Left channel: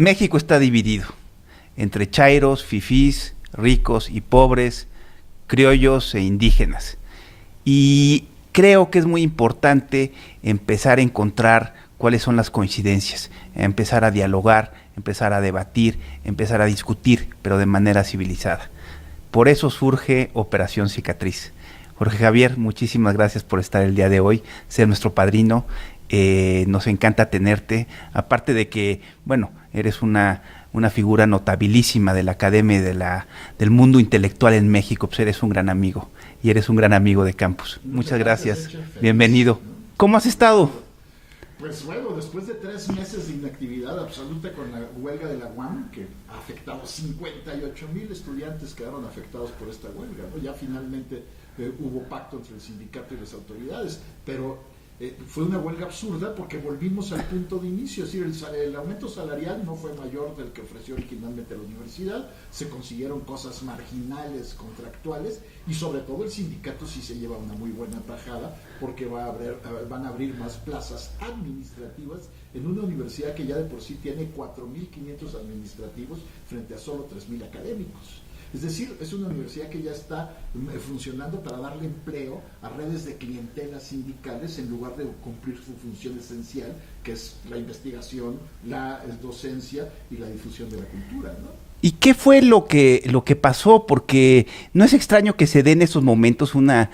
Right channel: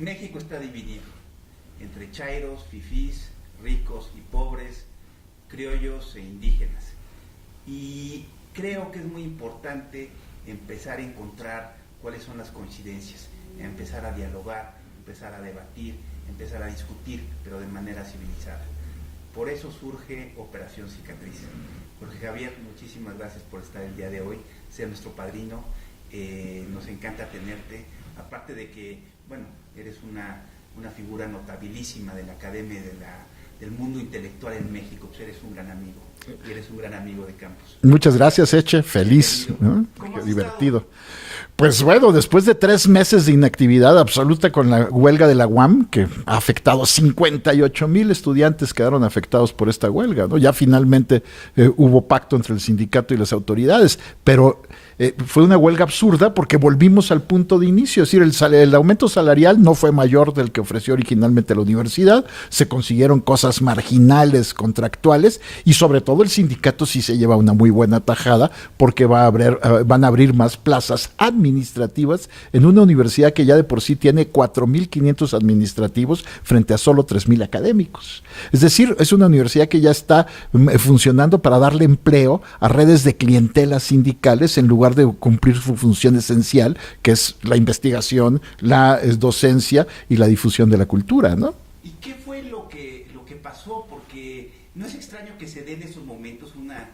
México está dividido entre chairos, fifís, ricos y pobres, criollos e indígenas. Y creo que es muy importante empezar a encontrar cuáles son las coincidencias, empezar a dialogar, empezar a debatir, empezar a discutir, pero de manera civilizada. Por eso surge Operación Cicatriz. Jorge Javier, muchísimas gracias por estar el día de hoy, ser nuestro padrino. Nos encanta tenerte, aparte de que, bueno, eres una figura notabilísima de la academia y del mundo intelectual en México, pues eres un gran amigo, y eres un gran amigo de Campus. Muchas gracias, Eche, feliz. Bienvenido. ¿No? ¿Cómo has estado? Pues bueno, después de 3 meses de inactividad absoluta con la huelga de la UAM, que ha afectado 58,000 estudiantes quedaron afectados por esta huelga, ¿no? Ya finalmente hubo pacto entre el sindicato y las autoridades, pero fue una huelga absurda porque volvimos al punto de inicio, es decir, el aumento salarial no fue mayor del que ofreció originalmente la universidad, se consiguieron cosas marginales, contractuales, y sobre todo el sindicato sí se lleva una muy buena tajada porque van a abrir más plazas administrativas en una universidad que ya de por sí tiene 4,500 administrativos frente a solo 3,000 académicos. Es decir, es una universidad que ya está funcionando para darle empleo a redes de clientelas sindicales en lugar de cumplir su función esencial, que es la investigación, la docencia y la difusión de la cultura, ¿no? ¿Y qué fue lo que pasó? Porque no es extraño que se dé en esos momentos una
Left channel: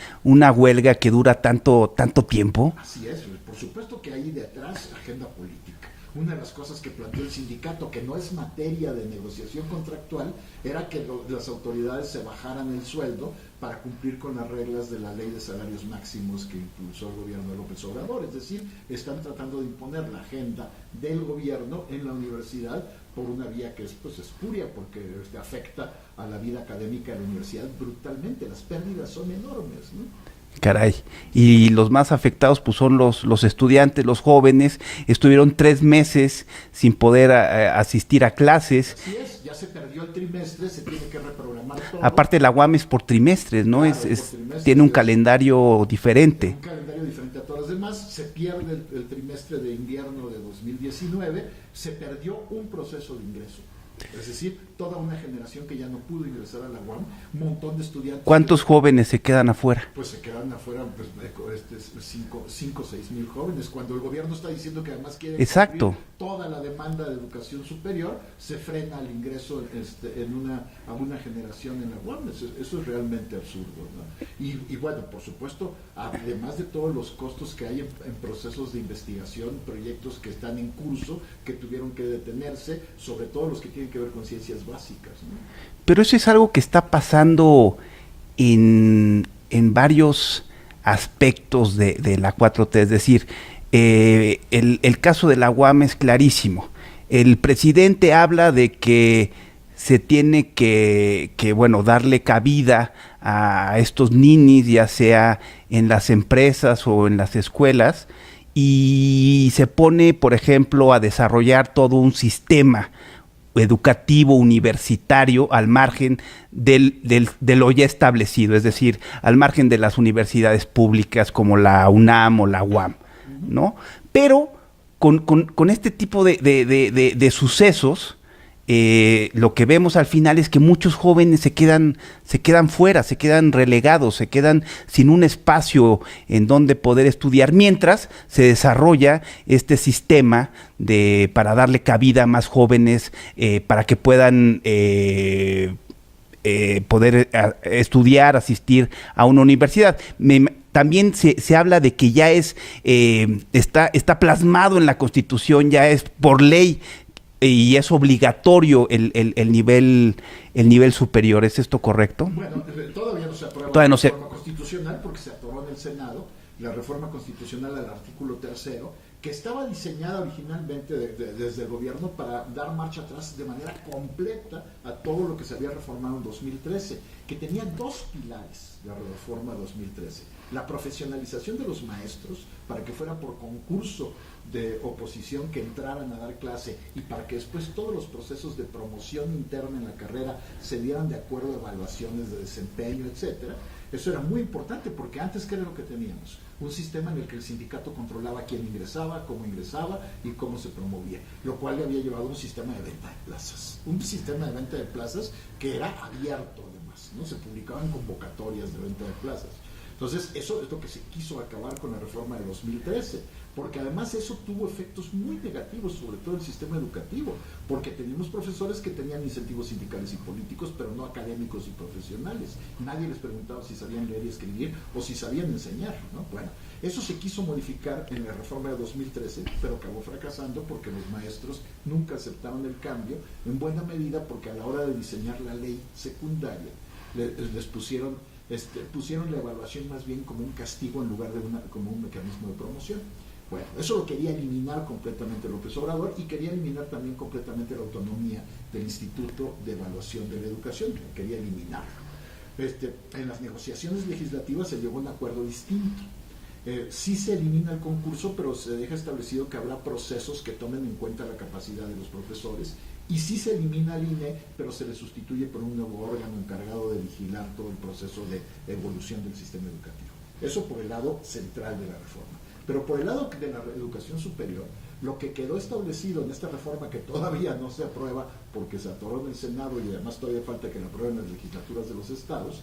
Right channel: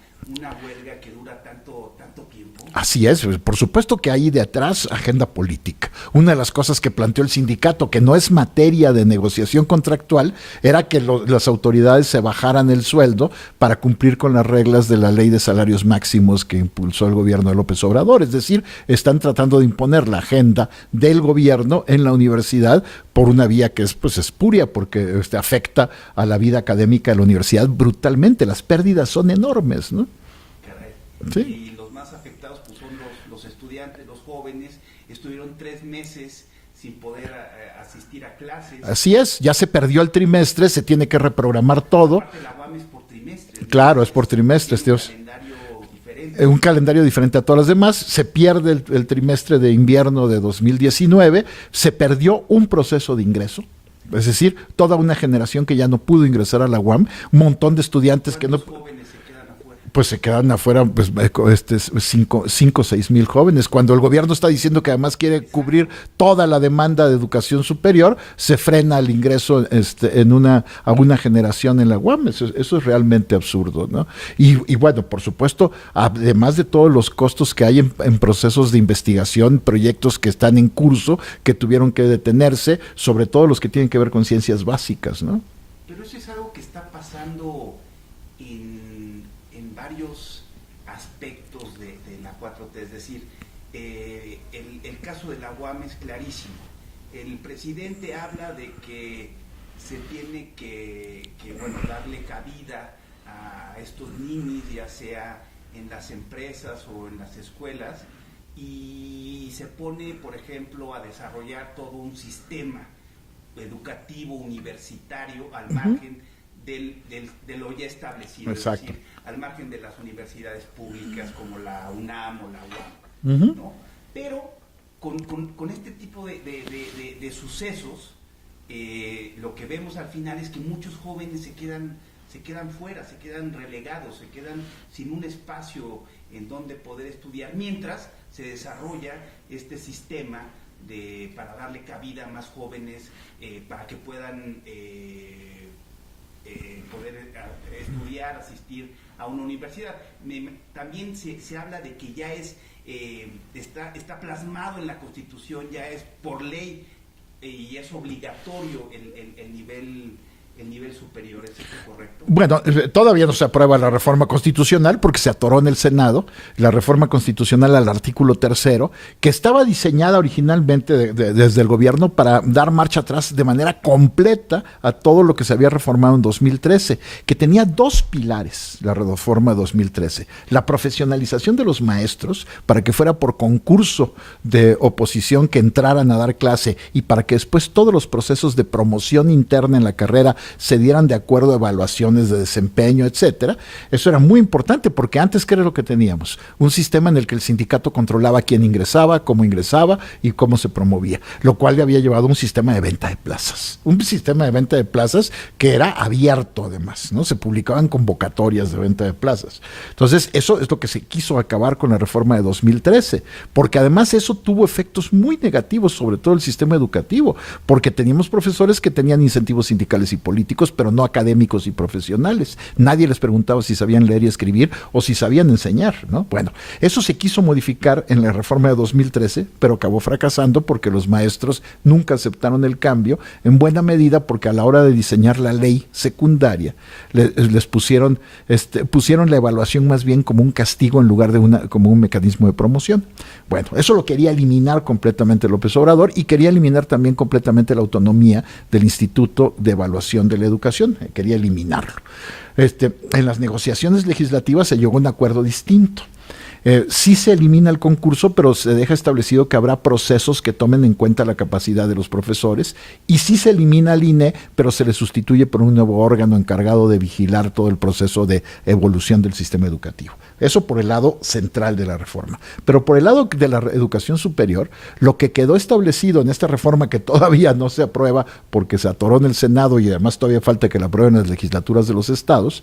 huelga que dura tanto tiempo. Así es, por supuesto que hay de atrás agenda política. Una de las cosas que planteó el sindicato, que no es materia de negociación contractual, era que las autoridades se bajaran el sueldo para cumplir con las reglas de la ley de salarios máximos que impulsó el gobierno de López Obrador. Es decir, están tratando de imponer la agenda del gobierno en la universidad por una vía que es pues espuria, porque afecta a la vida académica de la universidad brutalmente. Las pérdidas son enormes, ¿no? Caray. Sí. Y los más afectados pues son los estudiantes, los jóvenes. Estuvieron 3 meses sin poder asistir a clases. Así es, ya se perdió el trimestre, se tiene que reprogramar todo. Aparte la UAM es por trimestres, ¿no? Claro, es por trimestres. Tiene un calendario diferente. Un calendario diferente a todas las demás. Se pierde el trimestre de invierno de 2019, se perdió un proceso de ingreso. Es decir, toda una generación que ya no pudo ingresar a la UAM, un montón de estudiantes. ¿Cuántos jóvenes se quedan afuera? Pues se quedan afuera 5 o 6 mil jóvenes. Cuando el gobierno está diciendo que además quiere cubrir toda la demanda de educación superior, se frena el ingreso a una generación en la UAM. Eso es realmente absurdo, ¿no? Y bueno, por supuesto, además de todos los costos que hay en procesos de investigación, proyectos que están en curso, que tuvieron que detenerse, sobre todo los que tienen que ver con ciencias básicas, ¿no? Pero eso es algo que está pasando en varios aspectos de la 4T, es decir, el caso de la UAM es clarísimo. El presidente habla de que se tiene que darle cabida a estos ninis, ya sea en las empresas o en las escuelas, y se pone, por ejemplo, a desarrollar todo un sistema educativo universitario al margen de lo ya establecido. Exacto. Es decir, al margen de las universidades públicas como la UNAM o la UAM, ¿no? Pero con este tipo de sucesos, lo que vemos al final es que muchos jóvenes se quedan fuera, se quedan relegados, se quedan sin un espacio en donde poder estudiar, mientras se desarrolla este sistema para darle cabida a más jóvenes, para que puedan poder estudiar, asistir a una universidad. También se habla de que ya está plasmado en la Constitución, ya es por ley y es obligatorio el nivel superior. ¿Es esto correcto? Bueno, todavía no se aprueba la reforma constitucional porque se atoró en el Senado la reforma constitucional al artículo 3º, que estaba diseñada originalmente desde el gobierno para dar marcha atrás de manera completa a todo lo que se había reformado en 2013, que tenía 2 pilares, la reforma de 2013. La profesionalización de los maestros, para que fuera por concurso de oposición que entraran a dar clase y para que después todos los procesos de promoción interna en la carrera se dieran de acuerdo a evaluaciones de desempeño, etcétera. Eso era muy importante porque antes, ¿qué era lo que teníamos? Un sistema en el que el sindicato controlaba quién ingresaba y cómo se promovía, lo cual le había llevado a un sistema de venta de plazas. Un sistema de venta de plazas que era abierto además, ¿no? Se publicaban convocatorias de venta de plazas. Entonces, eso es lo que se quiso acabar con la reforma de 2013, porque además eso tuvo efectos muy negativos sobre todo el sistema educativo, porque teníamos profesores que tenían incentivos sindicales y políticos, pero no académicos y profesionales. Nadie les preguntaba si sabían leer y escribir o si sabían enseñar, ¿no? Bueno, eso se quiso modificar en la reforma de 2013, pero acabó fracasando porque los maestros nunca aceptaron el cambio, en buena medida porque a la hora de diseñar la ley secundaria les pusieron la evaluación más bien como un castigo en lugar de como un mecanismo de promoción. Bueno, eso lo quería eliminar completamente López Obrador y quería eliminar también completamente la autonomía del Instituto de Evaluación de la Educación, quería eliminarlo. En las negociaciones legislativas se llegó a un acuerdo distinto. Sí se elimina el concurso, pero se deja establecido que habrá procesos que tomen en cuenta la capacidad de los profesores, y sí se elimina el INE, pero se le sustituye por un nuevo órgano encargado de vigilar todo el proceso de evolución del sistema educativo. Eso por el lado central de la reforma. Pero por el lado de la educación superior, lo que quedó establecido en esta reforma, que todavía no se aprueba porque se atoró en el Senado y además todavía falta que la aprueben las legislaturas de los estados,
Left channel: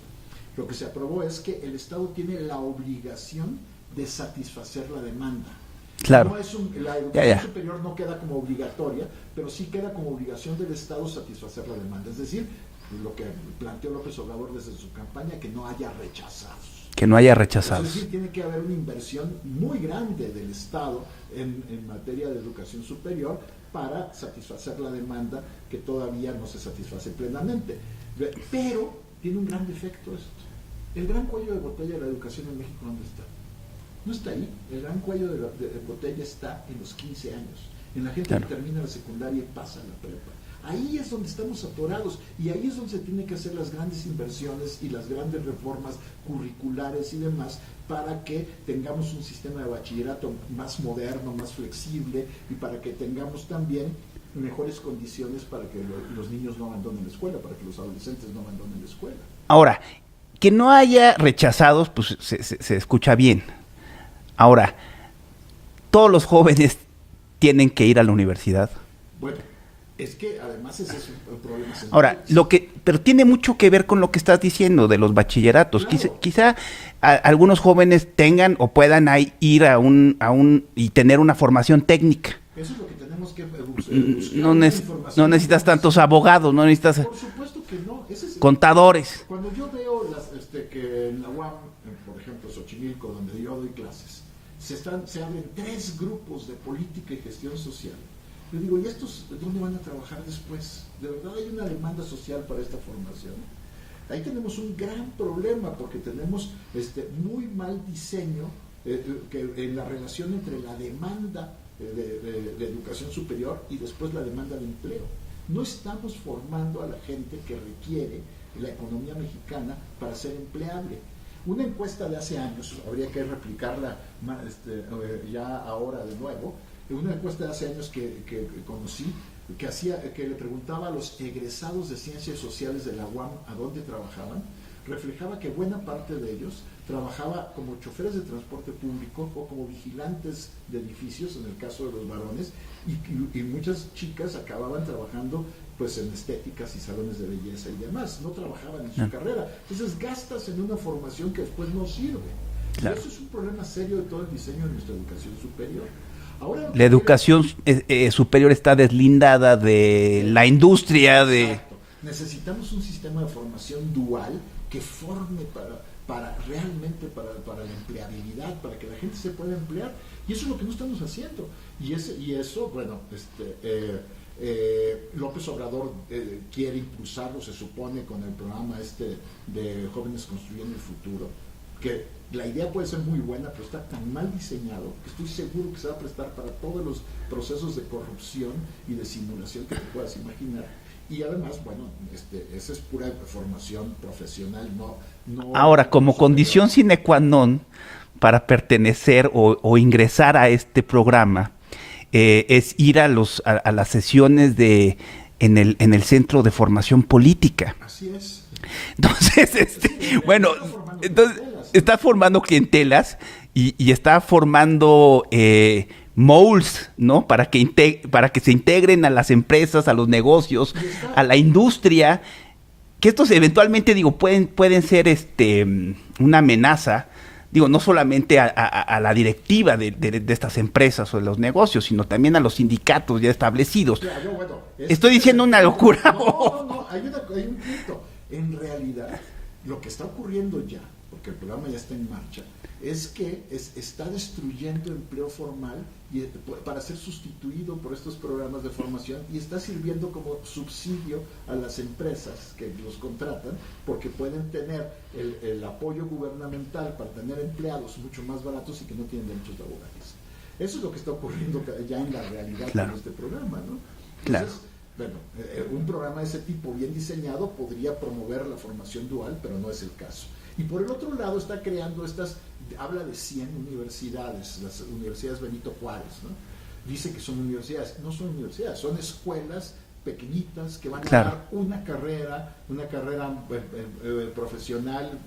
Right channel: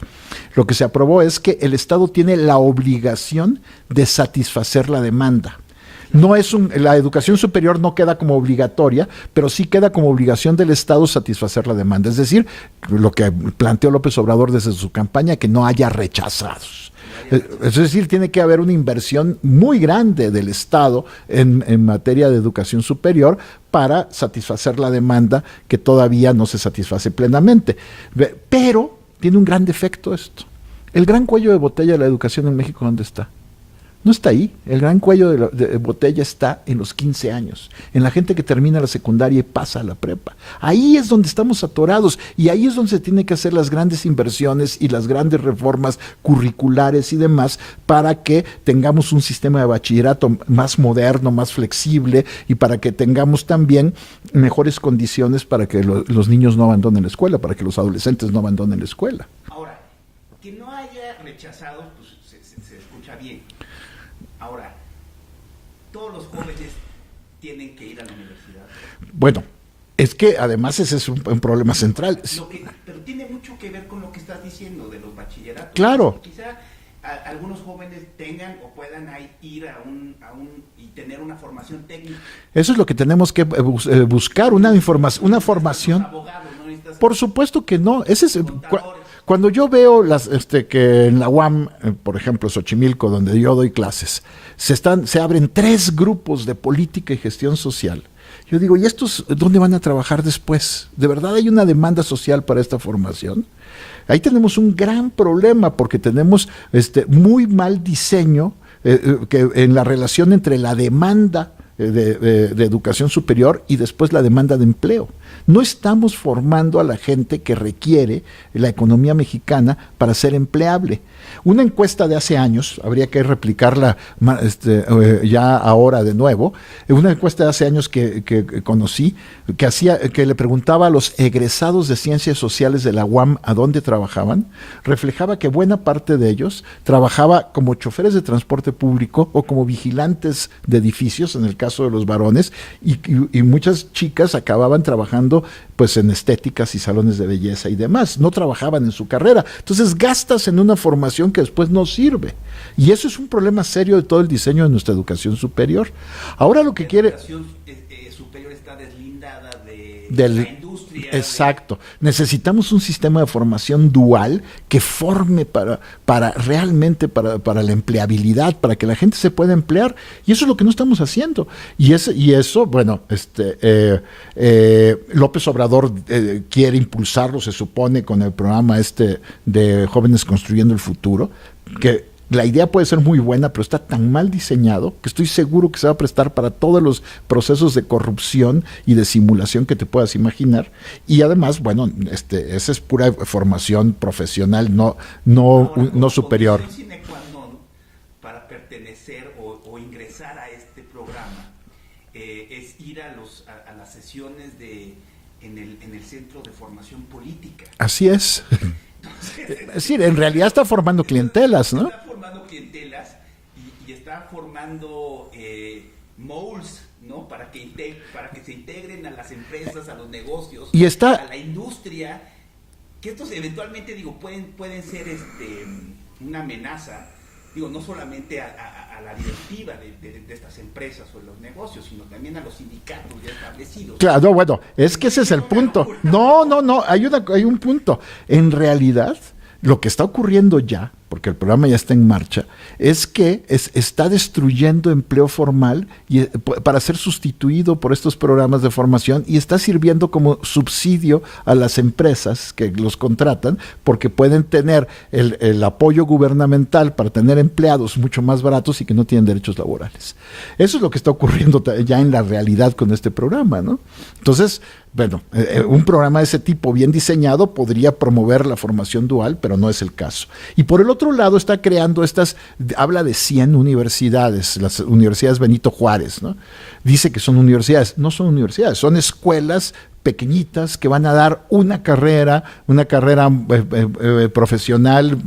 lo que se aprobó es que el Estado tiene la obligación de satisfacer la demanda. Claro. La educación superior no queda como obligatoria, pero sí queda como obligación del Estado satisfacer la demanda. Es decir, lo que planteó López Obrador desde su campaña, que no haya rechazados. Que no haya rechazados. Es decir, tiene que haber una inversión muy grande del Estado en materia de educación superior para satisfacer la demanda que todavía no se satisface plenamente. Pero tiene un gran defecto esto. El gran cuello de botella de la educación en México, ¿dónde está? No está ahí. El gran cuello de botella está en los 15 años, en la gente que termina la secundaria y pasa a la prepa. Ahí es donde estamos atorados y ahí es donde se tienen que hacer las grandes inversiones y las grandes reformas curriculares y demás para que tengamos un sistema de bachillerato más moderno, más flexible y para que tengamos también mejores condiciones para que los niños no abandonen la escuela, para que los adolescentes no abandonen la escuela. Ahora, que no haya rechazados, pues se escucha bien. Ahora, ¿todos los jóvenes tienen que ir a la universidad? Bueno, es que además ese es un problema central. Ahora, pero tiene mucho que ver con lo que estás diciendo de los bachilleratos. Claro. Quizá algunos jóvenes tengan o puedan ir y tener una formación técnica. Eso es lo que tenemos que buscar, una información. No necesitas tantos abogados, no necesitas... Por supuesto que no. Contadores. Cuando yo veo que en la UAM, por ejemplo, Xochimilco, donde yo doy clases, se abren 3 grupos de política y gestión social. Yo digo, ¿y estos dónde van a trabajar después? ¿De verdad hay una demanda social para esta formación? Ahí tenemos un gran problema porque tenemos muy mal diseño que en la relación entre la demanda de educación superior y después la demanda de empleo. No estamos formando a la gente que requiere la economía mexicana para ser empleable. Una encuesta de hace años, habría que replicarla ya ahora de nuevo, una encuesta de hace años que conocí, que le preguntaba a los egresados de Ciencias Sociales de la UAM a dónde trabajaban, reflejaba que buena parte de ellos trabajaba como choferes de transporte público o como vigilantes de edificios, en el caso de los varones, y muchas chicas acababan trabajando pues en estéticas y salones de belleza y demás, no trabajaban en su carrera. Entonces gastas en una formación que después no sirve. Y eso es un problema serio de todo el diseño de nuestra educación superior. Ahora lo que la educación superior está deslindada de la industria. Exacto. Necesitamos un sistema de formación dual que forme realmente para la empleabilidad, para que la gente se pueda emplear. Y eso es lo que no estamos haciendo. Y eso, bueno, López Obrador quiere impulsarlo, se supone, con el programa de Jóvenes Construyendo el Futuro, que la idea puede ser muy buena, pero está tan mal diseñado que estoy seguro que se va a prestar para todos los procesos de corrupción y de simulación que te puedas imaginar. Y además, bueno, esa es pura formación profesional, no Ahora, como no superior. condición sine qua non para pertenecer o ingresar a este programa, es ir a las sesiones de en el Centro de Formación Política. Así es. Entonces, es decir, en realidad está formando clientelas, ¿no? Está formando clientelas y está formando moles, ¿no? Para que se integren a las empresas, a los negocios, a la industria, que estos eventualmente, pueden ser una amenaza, no solamente a la directiva de estas empresas o de los negocios, sino también a los sindicatos ya establecidos. Claro, bueno, estoy diciendo una locura. No, hay un punto. En realidad, lo que está ocurriendo ya, porque el programa ya está en marcha, es que está destruyendo empleo formal para ser sustituido por estos programas de formación, y está sirviendo como subsidio a las empresas que los contratan, porque pueden tener el apoyo gubernamental para tener empleados mucho más baratos y que no tienen derechos laborales. Eso es lo que está ocurriendo ya en la realidad con este programa, ¿no? Entonces, bueno, un programa de ese tipo bien diseñado podría promover la formación dual, pero no es el caso. Y por el otro lado está creando habla de 100 universidades, las universidades Benito Juárez, ¿no? Dice que son universidades, no son universidades, son escuelas pequeñitas que van a dar una carrera profesional,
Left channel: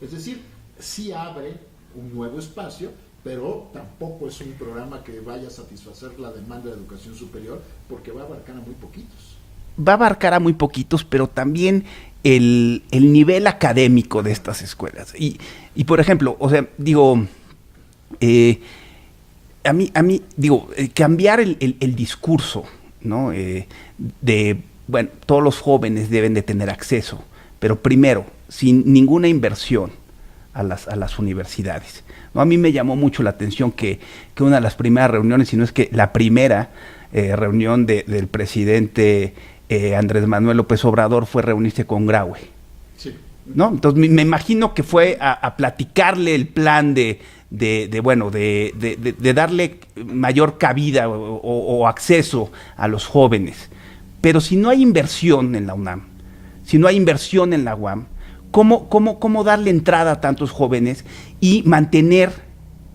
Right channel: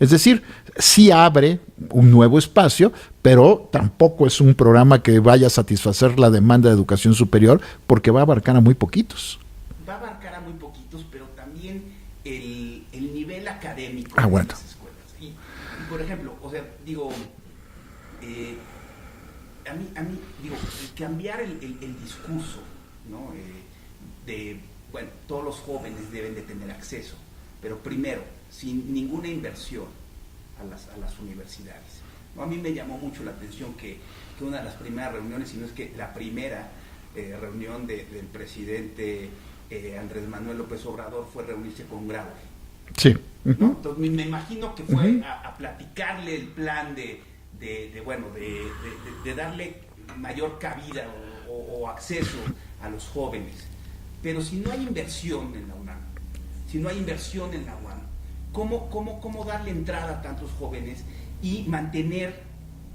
es decir, sí abre un nuevo espacio, pero tampoco es un programa que vaya a satisfacer la demanda de educación superior, porque va a abarcar a muy poquitos. Va a abarcar a muy poquitos, pero también el nivel académico de estas escuelas. Y por ejemplo, cambiar el discurso, ¿no? Todos los jóvenes deben de tener acceso, pero primero, sin ninguna inversión a las universidades, ¿no? A mí me llamó mucho la atención que una de las primeras reuniones, si no es que la primera reunión del presidente Andrés Manuel López Obrador fue reunirse con Graue. Sí. ¿No? Entonces me imagino que fue a platicarle el plan de darle mayor cabida o acceso a los jóvenes. Pero si no hay inversión en la UNAM, si no hay inversión en la UAM, ¿cómo darle entrada a tantos jóvenes y mantener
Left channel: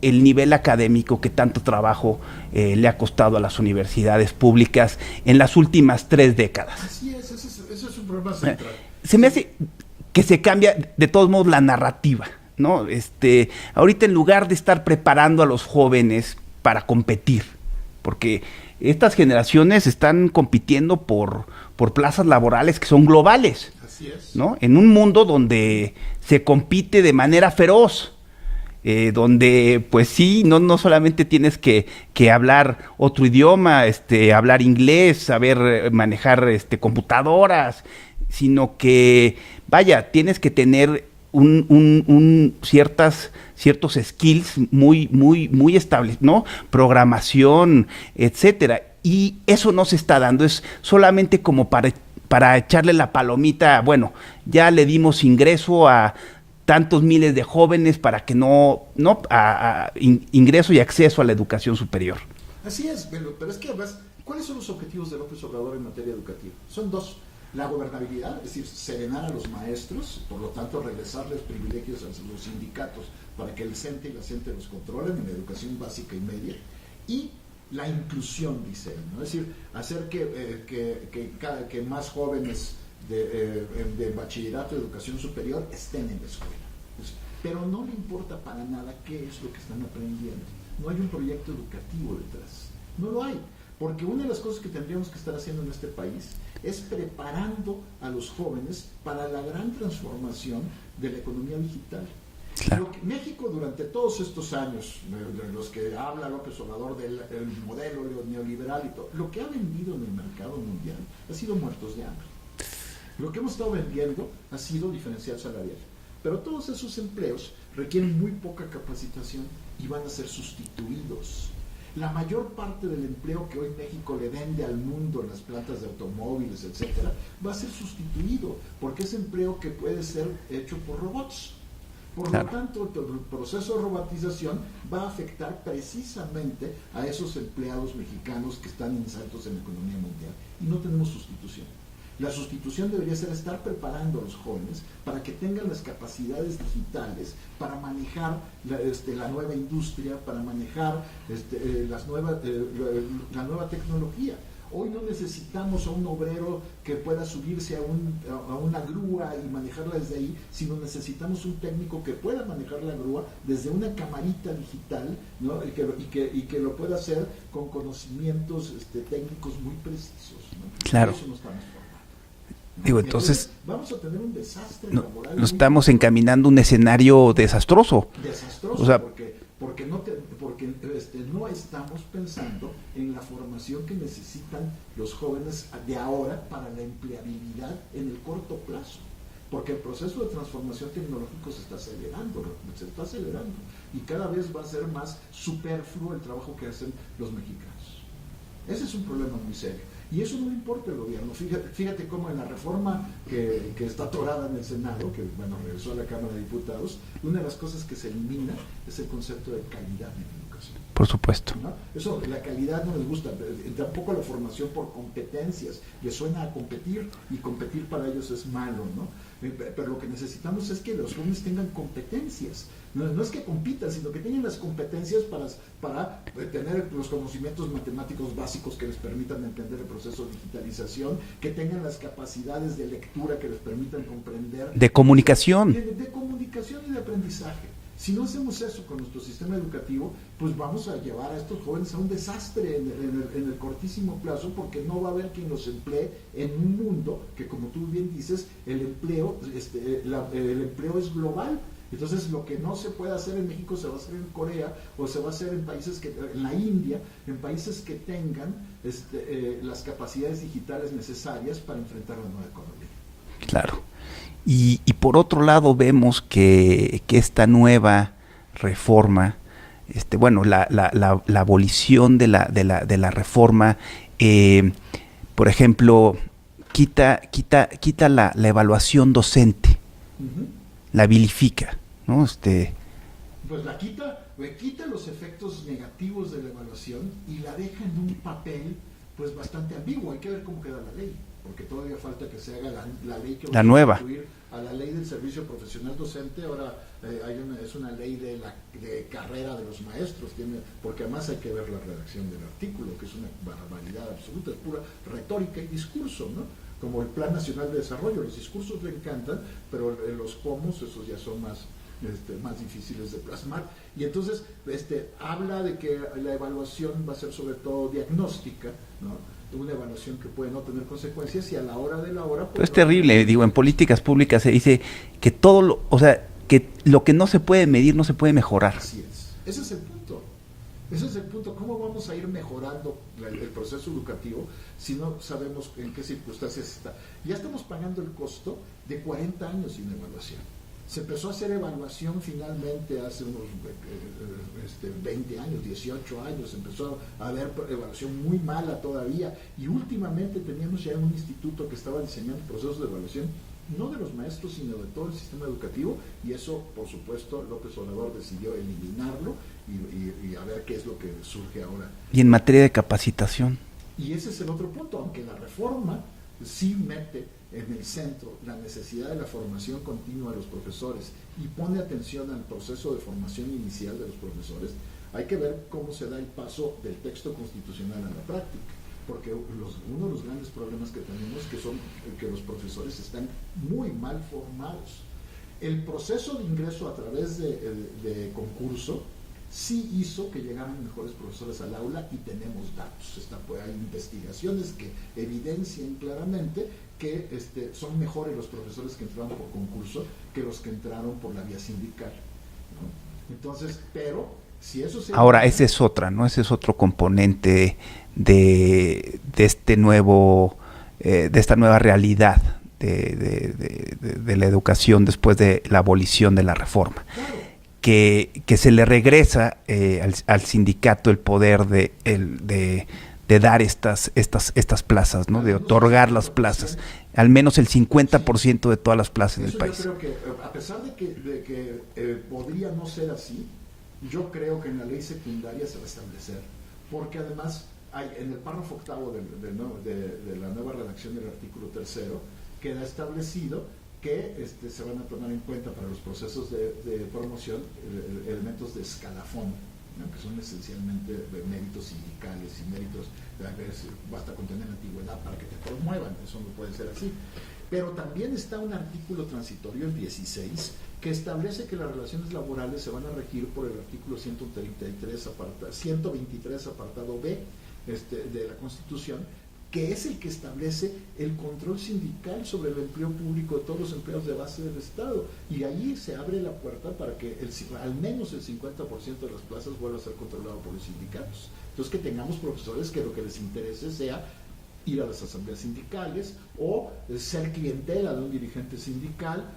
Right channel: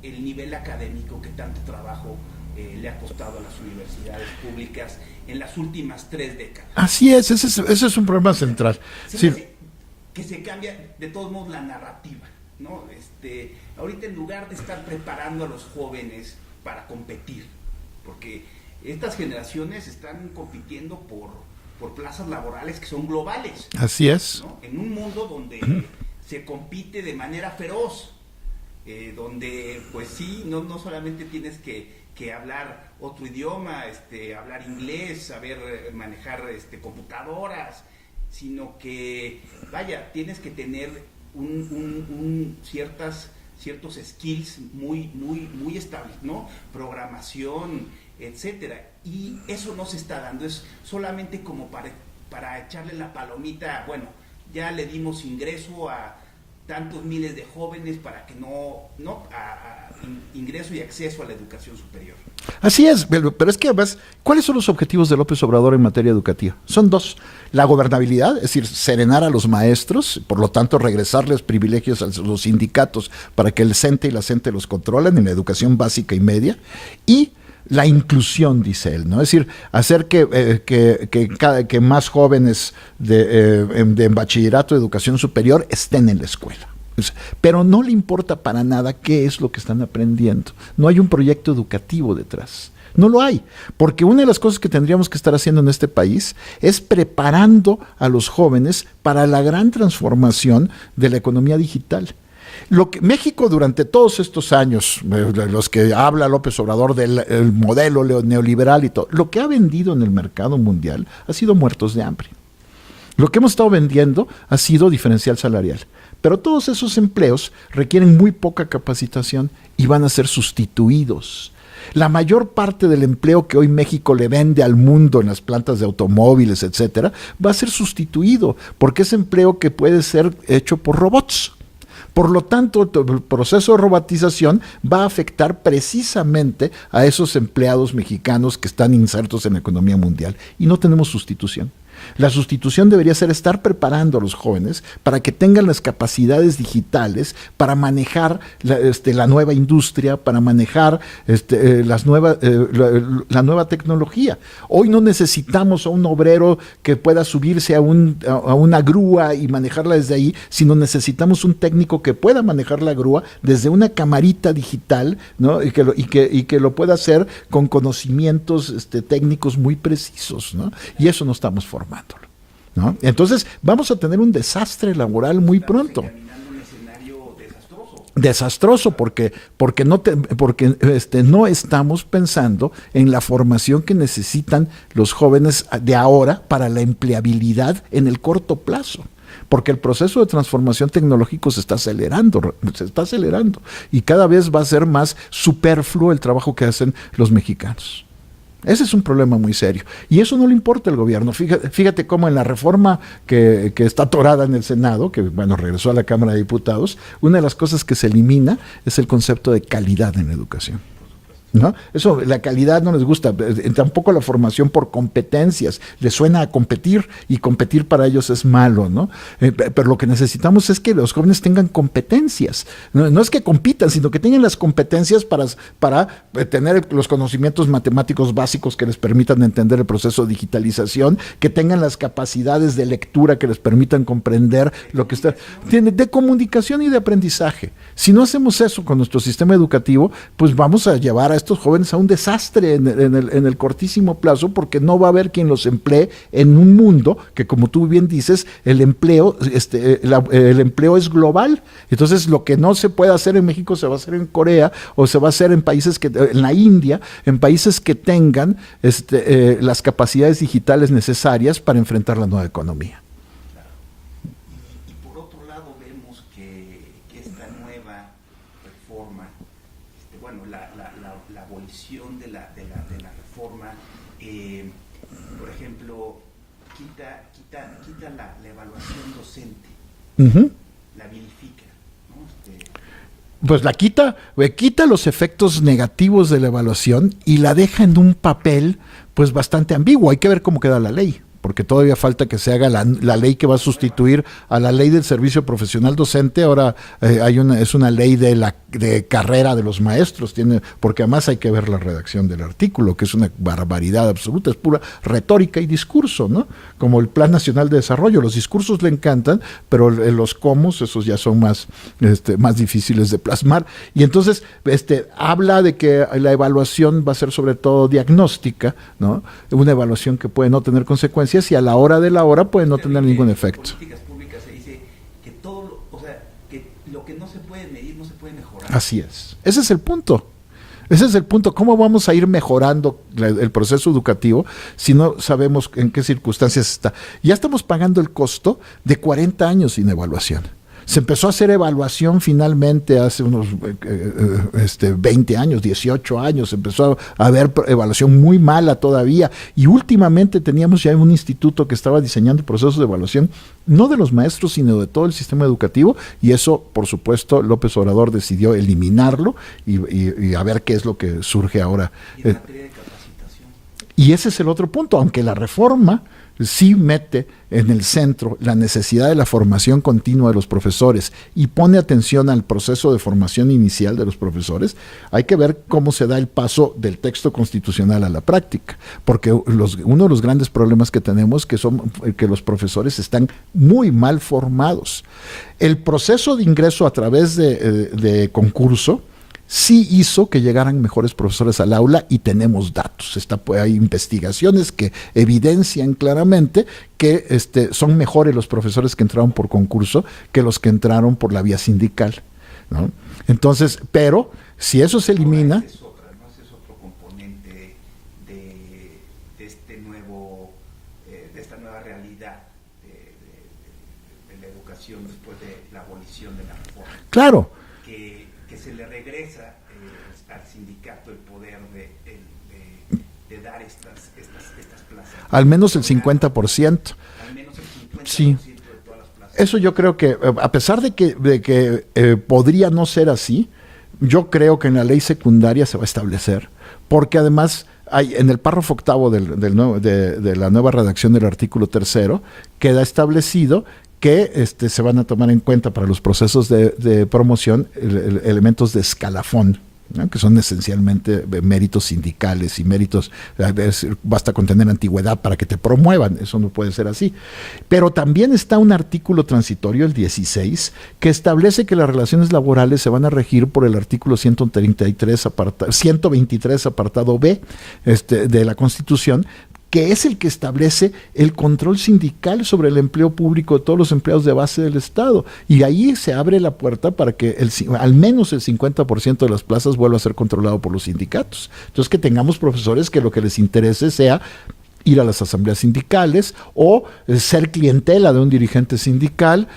el nivel académico que tanto trabajo le ha costado a las universidades públicas en las últimas 3 décadas? Así es, ese es un problema central. Se me hace que se cambia de todos modos la narrativa, ¿no? Ahorita, en lugar de estar preparando a los jóvenes para competir, porque estas generaciones están compitiendo por plazas laborales que son globales. Así es. ¿No? En un mundo donde se compite de manera feroz, donde pues sí, no solamente tienes que hablar otro idioma, hablar inglés, saber manejar computadoras, sino que, tienes que tener ciertos skills muy estables, ¿no? Programación, etcétera. Y eso no se está dando, es solamente como para echarle la palomita, ya le dimos ingreso a tantos miles de jóvenes para que ingreso y acceso a la educación superior. Así es, pero es que además, ¿cuáles son los objetivos de López Obrador en materia educativa? Son 2. La gobernabilidad, es decir, serenar a los maestros, por lo tanto regresarles privilegios a los sindicatos para que el CENTE y la CENTE los controlen en la educación básica y media, y la inclusión, dice él, ¿no? Es decir, hacer que más jóvenes de bachillerato, de educación superior, estén en la escuela. Pero no le importa para nada qué es lo que están aprendiendo. No hay un proyecto educativo detrás. No lo hay, porque una de las cosas que tendríamos que estar haciendo en este país es preparando a los jóvenes para la gran transformación de la economía digital. Lo que México durante todos estos años, los que habla López Obrador del modelo neoliberal y todo, lo que ha vendido en el mercado mundial ha sido muertos de hambre. Lo que hemos estado vendiendo ha sido diferencial salarial. Pero todos esos empleos requieren muy poca capacitación y van a ser sustituidos. La mayor parte del empleo que hoy México le vende al mundo en las plantas de automóviles, etcétera, va a ser sustituido porque es empleo que puede ser hecho por robots. Por lo tanto, el proceso de robotización va a afectar precisamente a esos empleados mexicanos que están insertos en la economía mundial y no tenemos sustitución. La sustitución debería ser estar preparando a los jóvenes para que tengan las capacidades digitales para manejar la nueva industria, para manejar la nueva tecnología. Hoy no necesitamos a un obrero que pueda subirse a una grúa y manejarla desde ahí, sino necesitamos un técnico que pueda manejar la grúa desde una camarita digital, ¿no? y que lo pueda hacer con conocimientos técnicos muy precisos, ¿no? Claro. Y eso no estamos formando. ¿No? Digo, entonces vamos a tener un desastre laboral muy pronto. Estamos encaminando un escenario desastroso. Desastroso, o sea, porque no estamos pensando en la formación que necesitan los jóvenes de ahora para la empleabilidad en el corto plazo. Porque el proceso de transformación tecnológico se está acelerando y cada vez va a ser más superfluo el trabajo que hacen los mexicanos. Ese es un problema muy serio. Y eso no le importa al gobierno. Fíjate cómo en la reforma que está atorada en el Senado, que regresó a la Cámara de Diputados, una de las cosas que se elimina es el concepto de calidad en la educación. Por supuesto. ¿No? Eso, la calidad no les gusta. Tampoco la formación por competencias. Les suena a competir y competir para ellos es malo, ¿no? Pero lo que necesitamos es que los jóvenes tengan competencias. No es que compitan, sino que tengan las competencias para tener los conocimientos matemáticos básicos que les permitan entender el proceso de digitalización, que tengan las capacidades de lectura que les permitan comprender. De comunicación. De comunicación y de aprendizaje. Si no hacemos eso con nuestro sistema educativo, pues vamos a llevar a estos jóvenes a un desastre en el cortísimo plazo, porque no va a haber quien los emplee en un mundo que, como tú bien dices, el empleo es global. Entonces, lo que no se puede hacer en México se va a hacer en Corea, o se va a hacer en la India, en países que tengan las capacidades digitales necesarias para enfrentar la nueva economía. Claro. Y por otro lado vemos que esta nueva reforma, la abolición de la reforma, por ejemplo, quita la evaluación docente, Uh-huh. la vilifica, ¿no? Pues la quita los efectos negativos de la evaluación y la deja en un papel pues bastante ambiguo. Hay que ver cómo queda la ley, porque todavía falta que se haga la ley que va a sustituir a la ley del servicio profesional docente. Ahora es una ley de carrera de los maestros, porque además hay que ver la redacción del artículo, que es una barbaridad absoluta, es pura retórica y discurso, ¿no? Como el Plan Nacional de Desarrollo. Los discursos le encantan, pero los comos, esos ya son más difíciles de plasmar. Y entonces habla de que la evaluación va a ser sobre todo diagnóstica, ¿no? Una evaluación que puede no tener consecuencias y a la hora de la hora puede no tener ningún efecto. En políticas públicas se dice que que lo que no se puede medir no se puede mejorar. Así es. Ese es el punto. ¿Cómo vamos a ir mejorando el proceso educativo si no sabemos en qué circunstancias está? Ya estamos pagando el costo de 40 años sin evaluación. Se empezó a hacer evaluación finalmente hace unos 20 años, 18 años. Empezó a haber evaluación muy mala todavía. Y últimamente teníamos ya un instituto que estaba diseñando procesos de evaluación, no de los maestros, sino de todo el sistema educativo. Y eso, por supuesto, López Obrador decidió eliminarlo y a ver qué es lo que surge ahora. Y en materia de capacitación. Y ese es el otro punto, aunque la reforma sí mete en el centro la necesidad de la formación continua de los profesores y pone atención al proceso de formación inicial de los profesores. Hay que ver cómo se da el paso del texto constitucional a la práctica, porque uno de los grandes problemas que tenemos son que los profesores están muy mal formados. El proceso de ingreso a través de concurso sí hizo que llegaran mejores profesores al aula y tenemos datos. Hay investigaciones que evidencian claramente que son mejores los profesores que entraron por concurso que los que entraron por la vía sindical, ¿no? Entonces, pero si eso se elimina... Ahora, esa es otra, ¿no? Ese es otro componente de esta nueva realidad de la educación después de la abolición de la reforma. Claro. Que se le regresa al sindicato el poder de dar estas plazas, ¿no? Al menos el 50%. Al menos el 50% de todas las plazas. Eso yo creo que, a pesar de que podría no ser así, yo creo que en la ley secundaria se va a establecer, porque además en el párrafo octavo de la nueva redacción del artículo 3º, queda establecido que se van a tomar en cuenta para los procesos de promoción elementos de escalafón, ¿no? Que son esencialmente méritos sindicales y méritos, basta con tener antigüedad para que te promuevan, eso no puede ser así. Pero también está un artículo transitorio, el 16, que establece que las relaciones laborales se van a regir por el artículo 123, 123 apartado B de la Constitución, que es el que establece el control sindical sobre el empleo público de todos los empleados de base del Estado. Y ahí se abre la puerta para que al menos el 50% de las plazas vuelva a ser controlado por los sindicatos. Entonces, que tengamos profesores que lo que les interese sea ir a las asambleas sindicales o ser clientela de un dirigente sindical,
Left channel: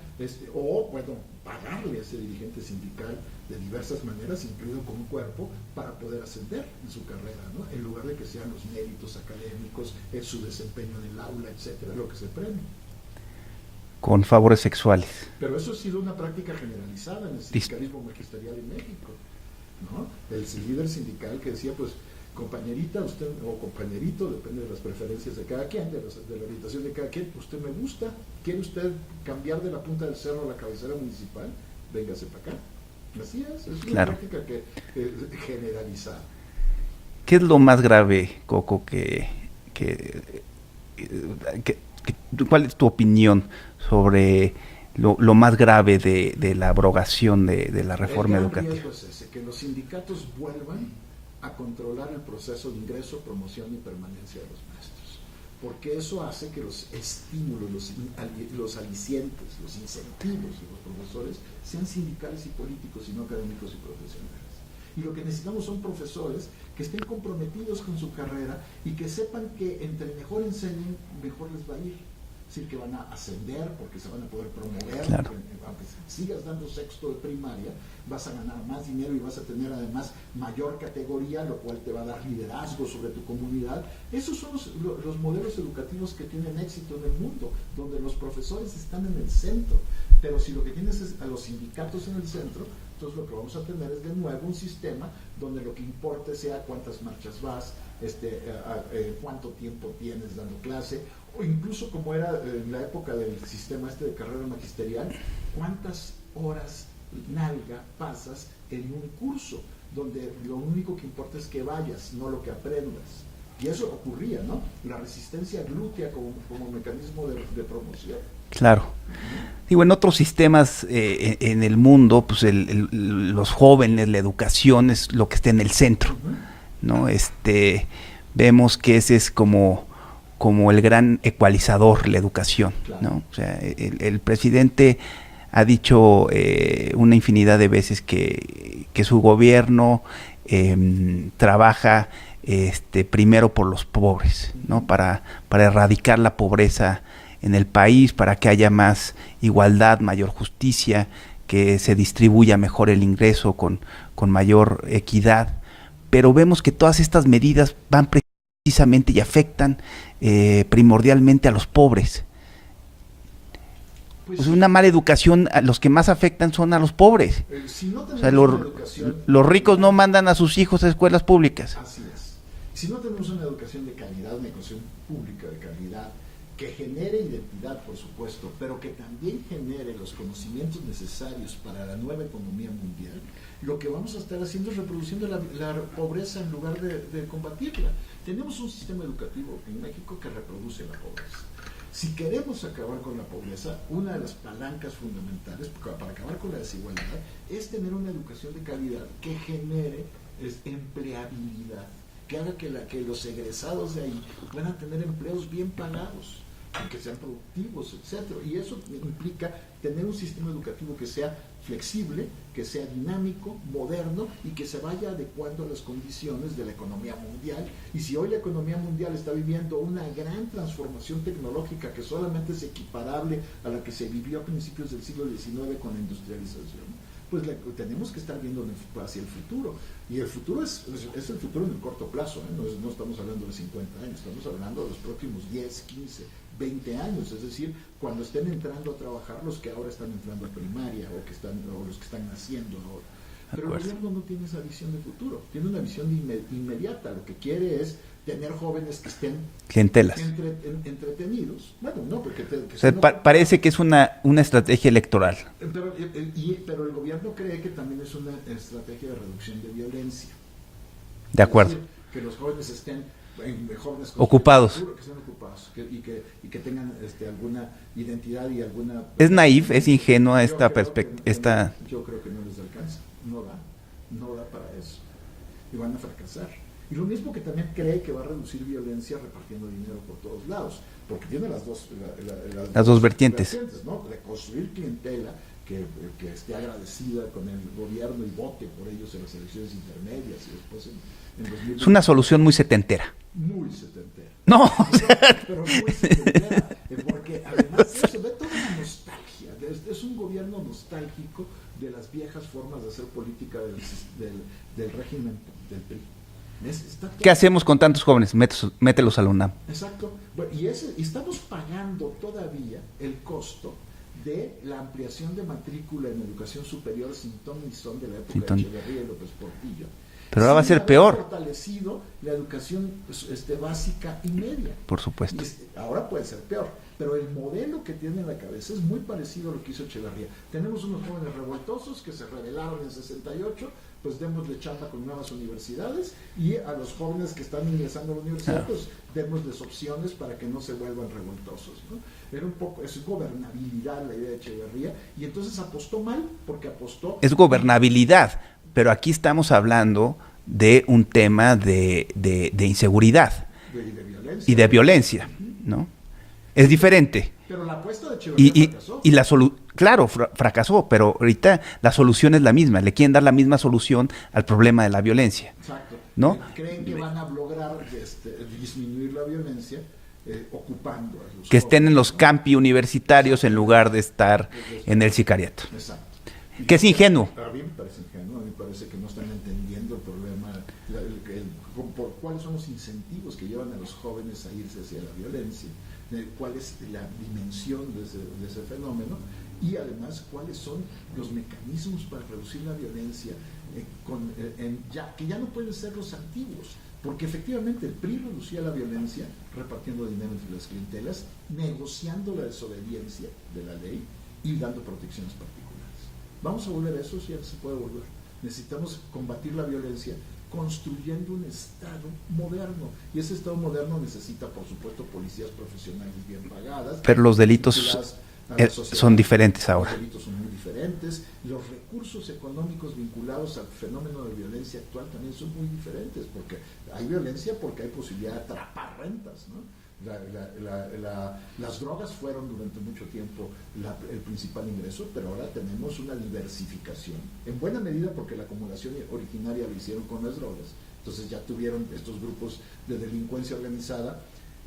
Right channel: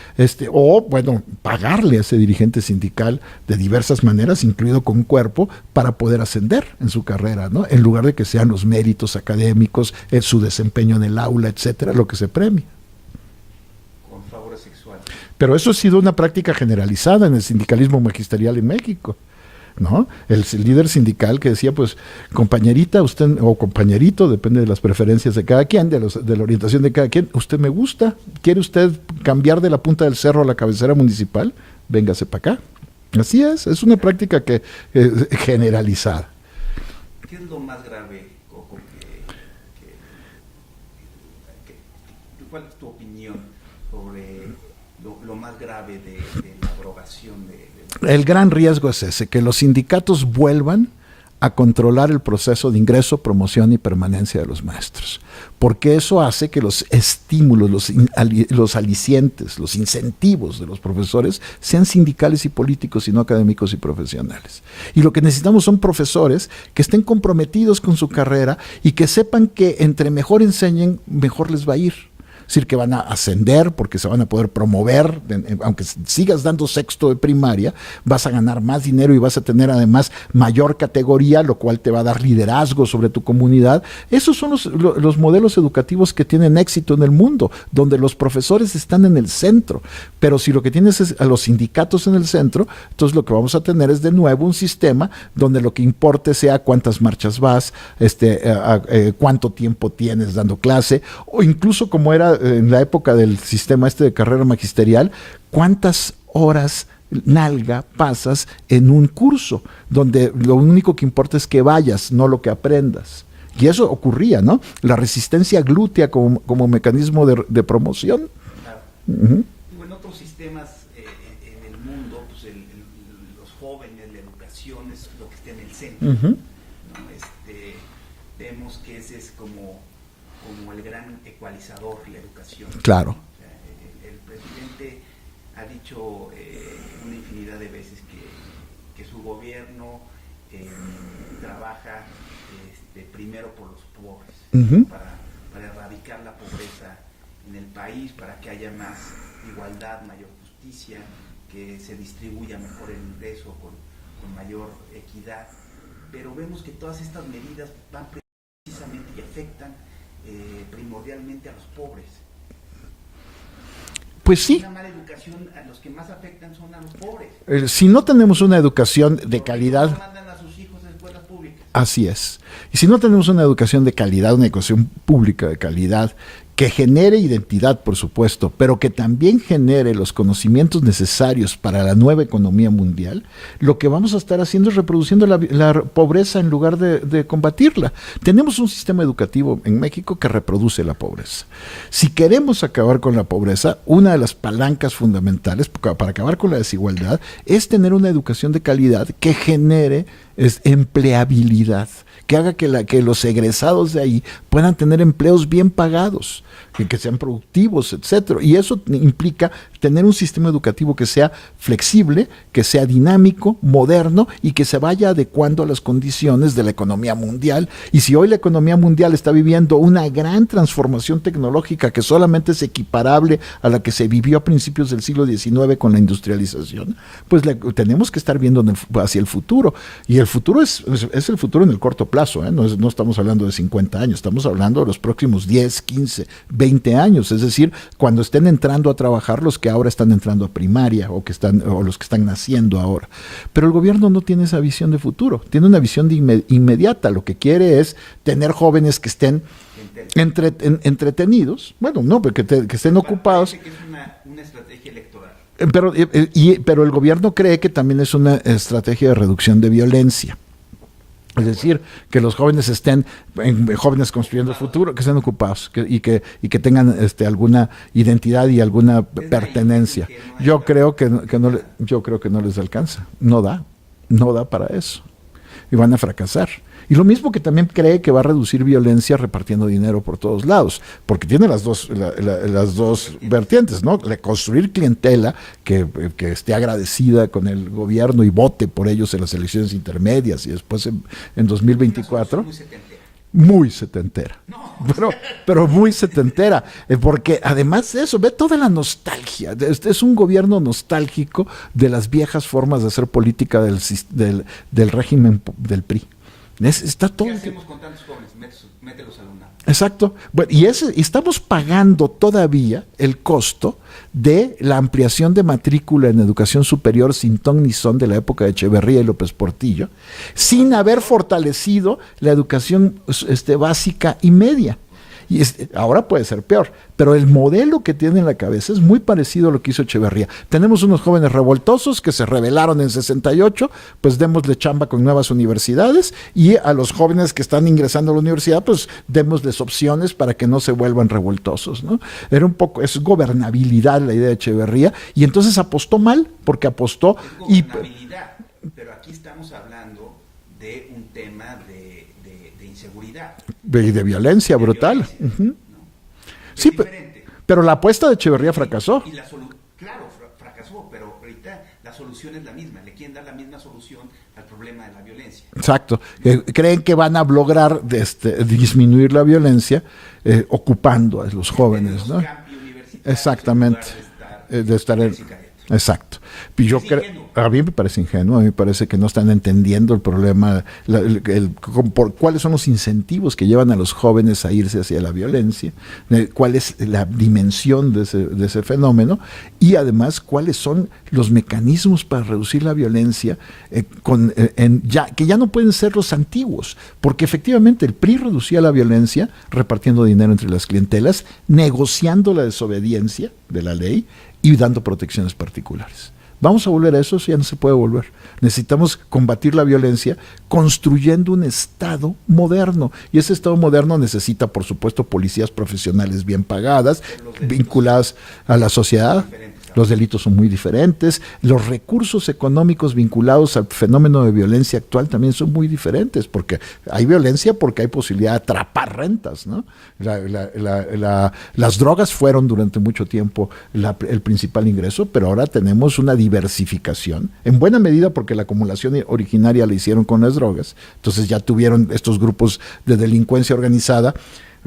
o bueno, pagarle a ese dirigente sindical de diversas maneras, incluido con cuerpo, para poder ascender en su carrera, ¿no? En lugar de que sean los méritos académicos, su desempeño en el aula, etcétera, lo que se premie. Con favores sexuales. Pero eso ha sido una práctica generalizada en el sindicalismo magisterial en México, ¿no? El líder sindical que decía, pues, compañerita, usted, o compañerito, depende de las preferencias de cada quien, de la orientación de cada quien, usted me gusta, ¿quiere usted cambiar de la punta del cerro a la cabecera municipal? Véngase para acá. Así es una práctica que generalizada. ¿Qué es lo más grave, Coco, cuál es tu opinión sobre lo más grave de la abrogación de la reforma? El gran riesgo es ese, que los sindicatos vuelvan a controlar el proceso de ingreso, promoción y permanencia de los maestros, porque eso hace que los estímulos, los alicientes, los incentivos de los profesores sean sindicales y políticos y no académicos y profesionales. Y lo que necesitamos son profesores que estén comprometidos con su carrera y que sepan que entre mejor enseñen, mejor les va a ir. Es decir, que van a ascender porque se van a poder promover, claro. Aunque sigas dando sexto de primaria, vas a ganar más dinero y vas a tener además mayor categoría, lo cual te va a dar liderazgo sobre tu comunidad. Esos son los modelos educativos que tienen éxito en el mundo, donde los profesores están en el centro. Pero si lo que tienes es a los sindicatos en el centro, entonces lo que vamos a tener es de nuevo un sistema donde lo que importe sea cuántas marchas vas, cuánto tiempo tienes dando clase, o incluso como era en la época del sistema de carrera magisterial, cuántas horas nalga pasas en un curso, donde lo único que importa es que vayas, no lo que aprendas. Y eso ocurría, ¿no? La resistencia glútea como mecanismo de promoción. Claro. Uh-huh. Digo, en otros sistemas en el mundo, pues los jóvenes, la educación es lo que está en el centro, uh-huh. ¿no? Vemos que ese es como el gran ecualizador, la educación. Claro. ¿no? O sea, el presidente ha dicho una infinidad de veces que su gobierno trabaja primero por los pobres, uh-huh. ¿no? Para erradicar la pobreza en el país, para que haya más igualdad, mayor justicia, que se distribuya mejor el ingreso con mayor equidad. Pero vemos que todas estas medidas van precisamente y afectan primordialmente a los pobres. Pues sí. Una mala educación, los que más afectan son a los pobres. Si no tenemos una educación de los calidad, ricos no mandan a sus hijos a escuelas públicas. Así es. Y si no tenemos una educación de calidad, una educación pública de calidad, que genere identidad, por supuesto, pero que también genere los conocimientos necesarios para la nueva economía mundial, lo que vamos a estar haciendo es reproduciendo la pobreza en lugar de combatirla. Tenemos un sistema educativo en México que reproduce la pobreza. Si queremos acabar con la pobreza, una de las palancas fundamentales para acabar con la desigualdad es tener una educación de calidad que genere empleabilidad, que haga que los egresados de ahí puedan tener empleos bien pagados, que sean productivos, etcétera. Y eso implica tener un sistema educativo que sea flexible, que sea dinámico, moderno y que se vaya adecuando a las condiciones de la economía mundial. Y si hoy la economía mundial está viviendo una gran transformación tecnológica que solamente es equiparable a la que se vivió a principios del siglo XIX con la industrialización, pues tenemos que estar viendo hacia el futuro. Y el futuro es el futuro en el corto plazo. plazo, ¿eh? No estamos hablando de 50 años, estamos hablando de los próximos 10, 15, 20 años, es decir, cuando estén entrando a trabajar los que ahora están entrando a primaria o los que están naciendo ahora. Pero el gobierno no tiene esa visión de futuro, tiene una visión de inmediata, lo que quiere es tener jóvenes que estén entretenidos, bueno, no, que estén ocupados. Parece que es una estrategia electoral. Pero el gobierno cree que también es una estrategia de reducción de violencia. De acuerdo. Es decir, que los jóvenes estén jóvenes ocupados, futuro, que estén ocupados y que tengan alguna identidad y alguna es naif, es ingenua. Yo creo que no les alcanza, no da para eso y van a fracasar. Y lo mismo que también cree que va a reducir violencia repartiendo dinero por todos lados, porque tiene las dos vertientes, ¿no? Construir clientela que esté agradecida con el gobierno y vote por ellos en las elecciones intermedias y después en 2024. Es una solución muy setentera. Muy setentera. No, pero muy setentera. Porque además de eso, ve toda la nostalgia. Es un gobierno nostálgico de las viejas formas de hacer política del régimen del PRI. ¿Qué hacemos con tantos jóvenes? Mételos a la UNAM. Exacto. Bueno, y estamos pagando todavía el costo de la ampliación de matrícula en educación superior sin ton ni son de la época de Echeverría y López Portillo, sin haber fortalecido la educación básica y media. Por supuesto. Y ahora puede ser peor, pero el modelo que tiene en la cabeza es muy parecido a lo que hizo Echeverría. Tenemos unos jóvenes revoltosos que se rebelaron en 68, pues démosle chamba con nuevas universidades, y a los jóvenes que están ingresando a la universidad, pues démosles opciones para que no se vuelvan revoltosos, ¿no? Es gobernabilidad la idea de Echeverría, y entonces apostó mal, porque apostó... Es gobernabilidad, pero aquí estamos hablando de un tema de inseguridad. Y de violencia. Y de violencia, ¿no? Es diferente. Pero la apuesta de Echeverría fracasó. Y claro, fracasó, pero ahorita la solución es la misma. Le quieren dar la misma solución al problema de la violencia. Exacto. ¿No? Creen que van a lograr disminuir la violencia ocupando a los jóvenes. Que estén en los campi universitarios en lugar de estar en el sicariato. Exacto. Que es ingenuo. A mí me parece ingenuo, a mí me parece que no están entendiendo el problema, cuáles son los incentivos que llevan a los jóvenes a irse hacia la violencia, cuál es la dimensión de ese fenómeno, y además cuáles son los mecanismos para reducir la violencia que ya no pueden ser los antiguos, porque efectivamente el PRI reducía la violencia repartiendo dinero entre las clientelas, negociando la desobediencia de la ley y dando protecciones particulares. ¿Vamos a volver a eso? Eso ya no se puede volver. Necesitamos combatir la violencia construyendo un Estado moderno. Y ese Estado moderno necesita, por supuesto, policías profesionales bien pagadas, pero los delitos vinculadas a la sociedad. Son diferentes ahora. Los delitos son muy diferentes. Los recursos económicos vinculados al fenómeno de violencia actual también son muy diferentes, porque hay violencia porque hay posibilidad de atrapar rentas, ¿no? Las drogas fueron durante mucho tiempo el principal ingreso, pero ahora tenemos una diversificación, en buena medida porque la acumulación originaria la hicieron con las drogas, entonces ya tuvieron estos grupos de delincuencia organizada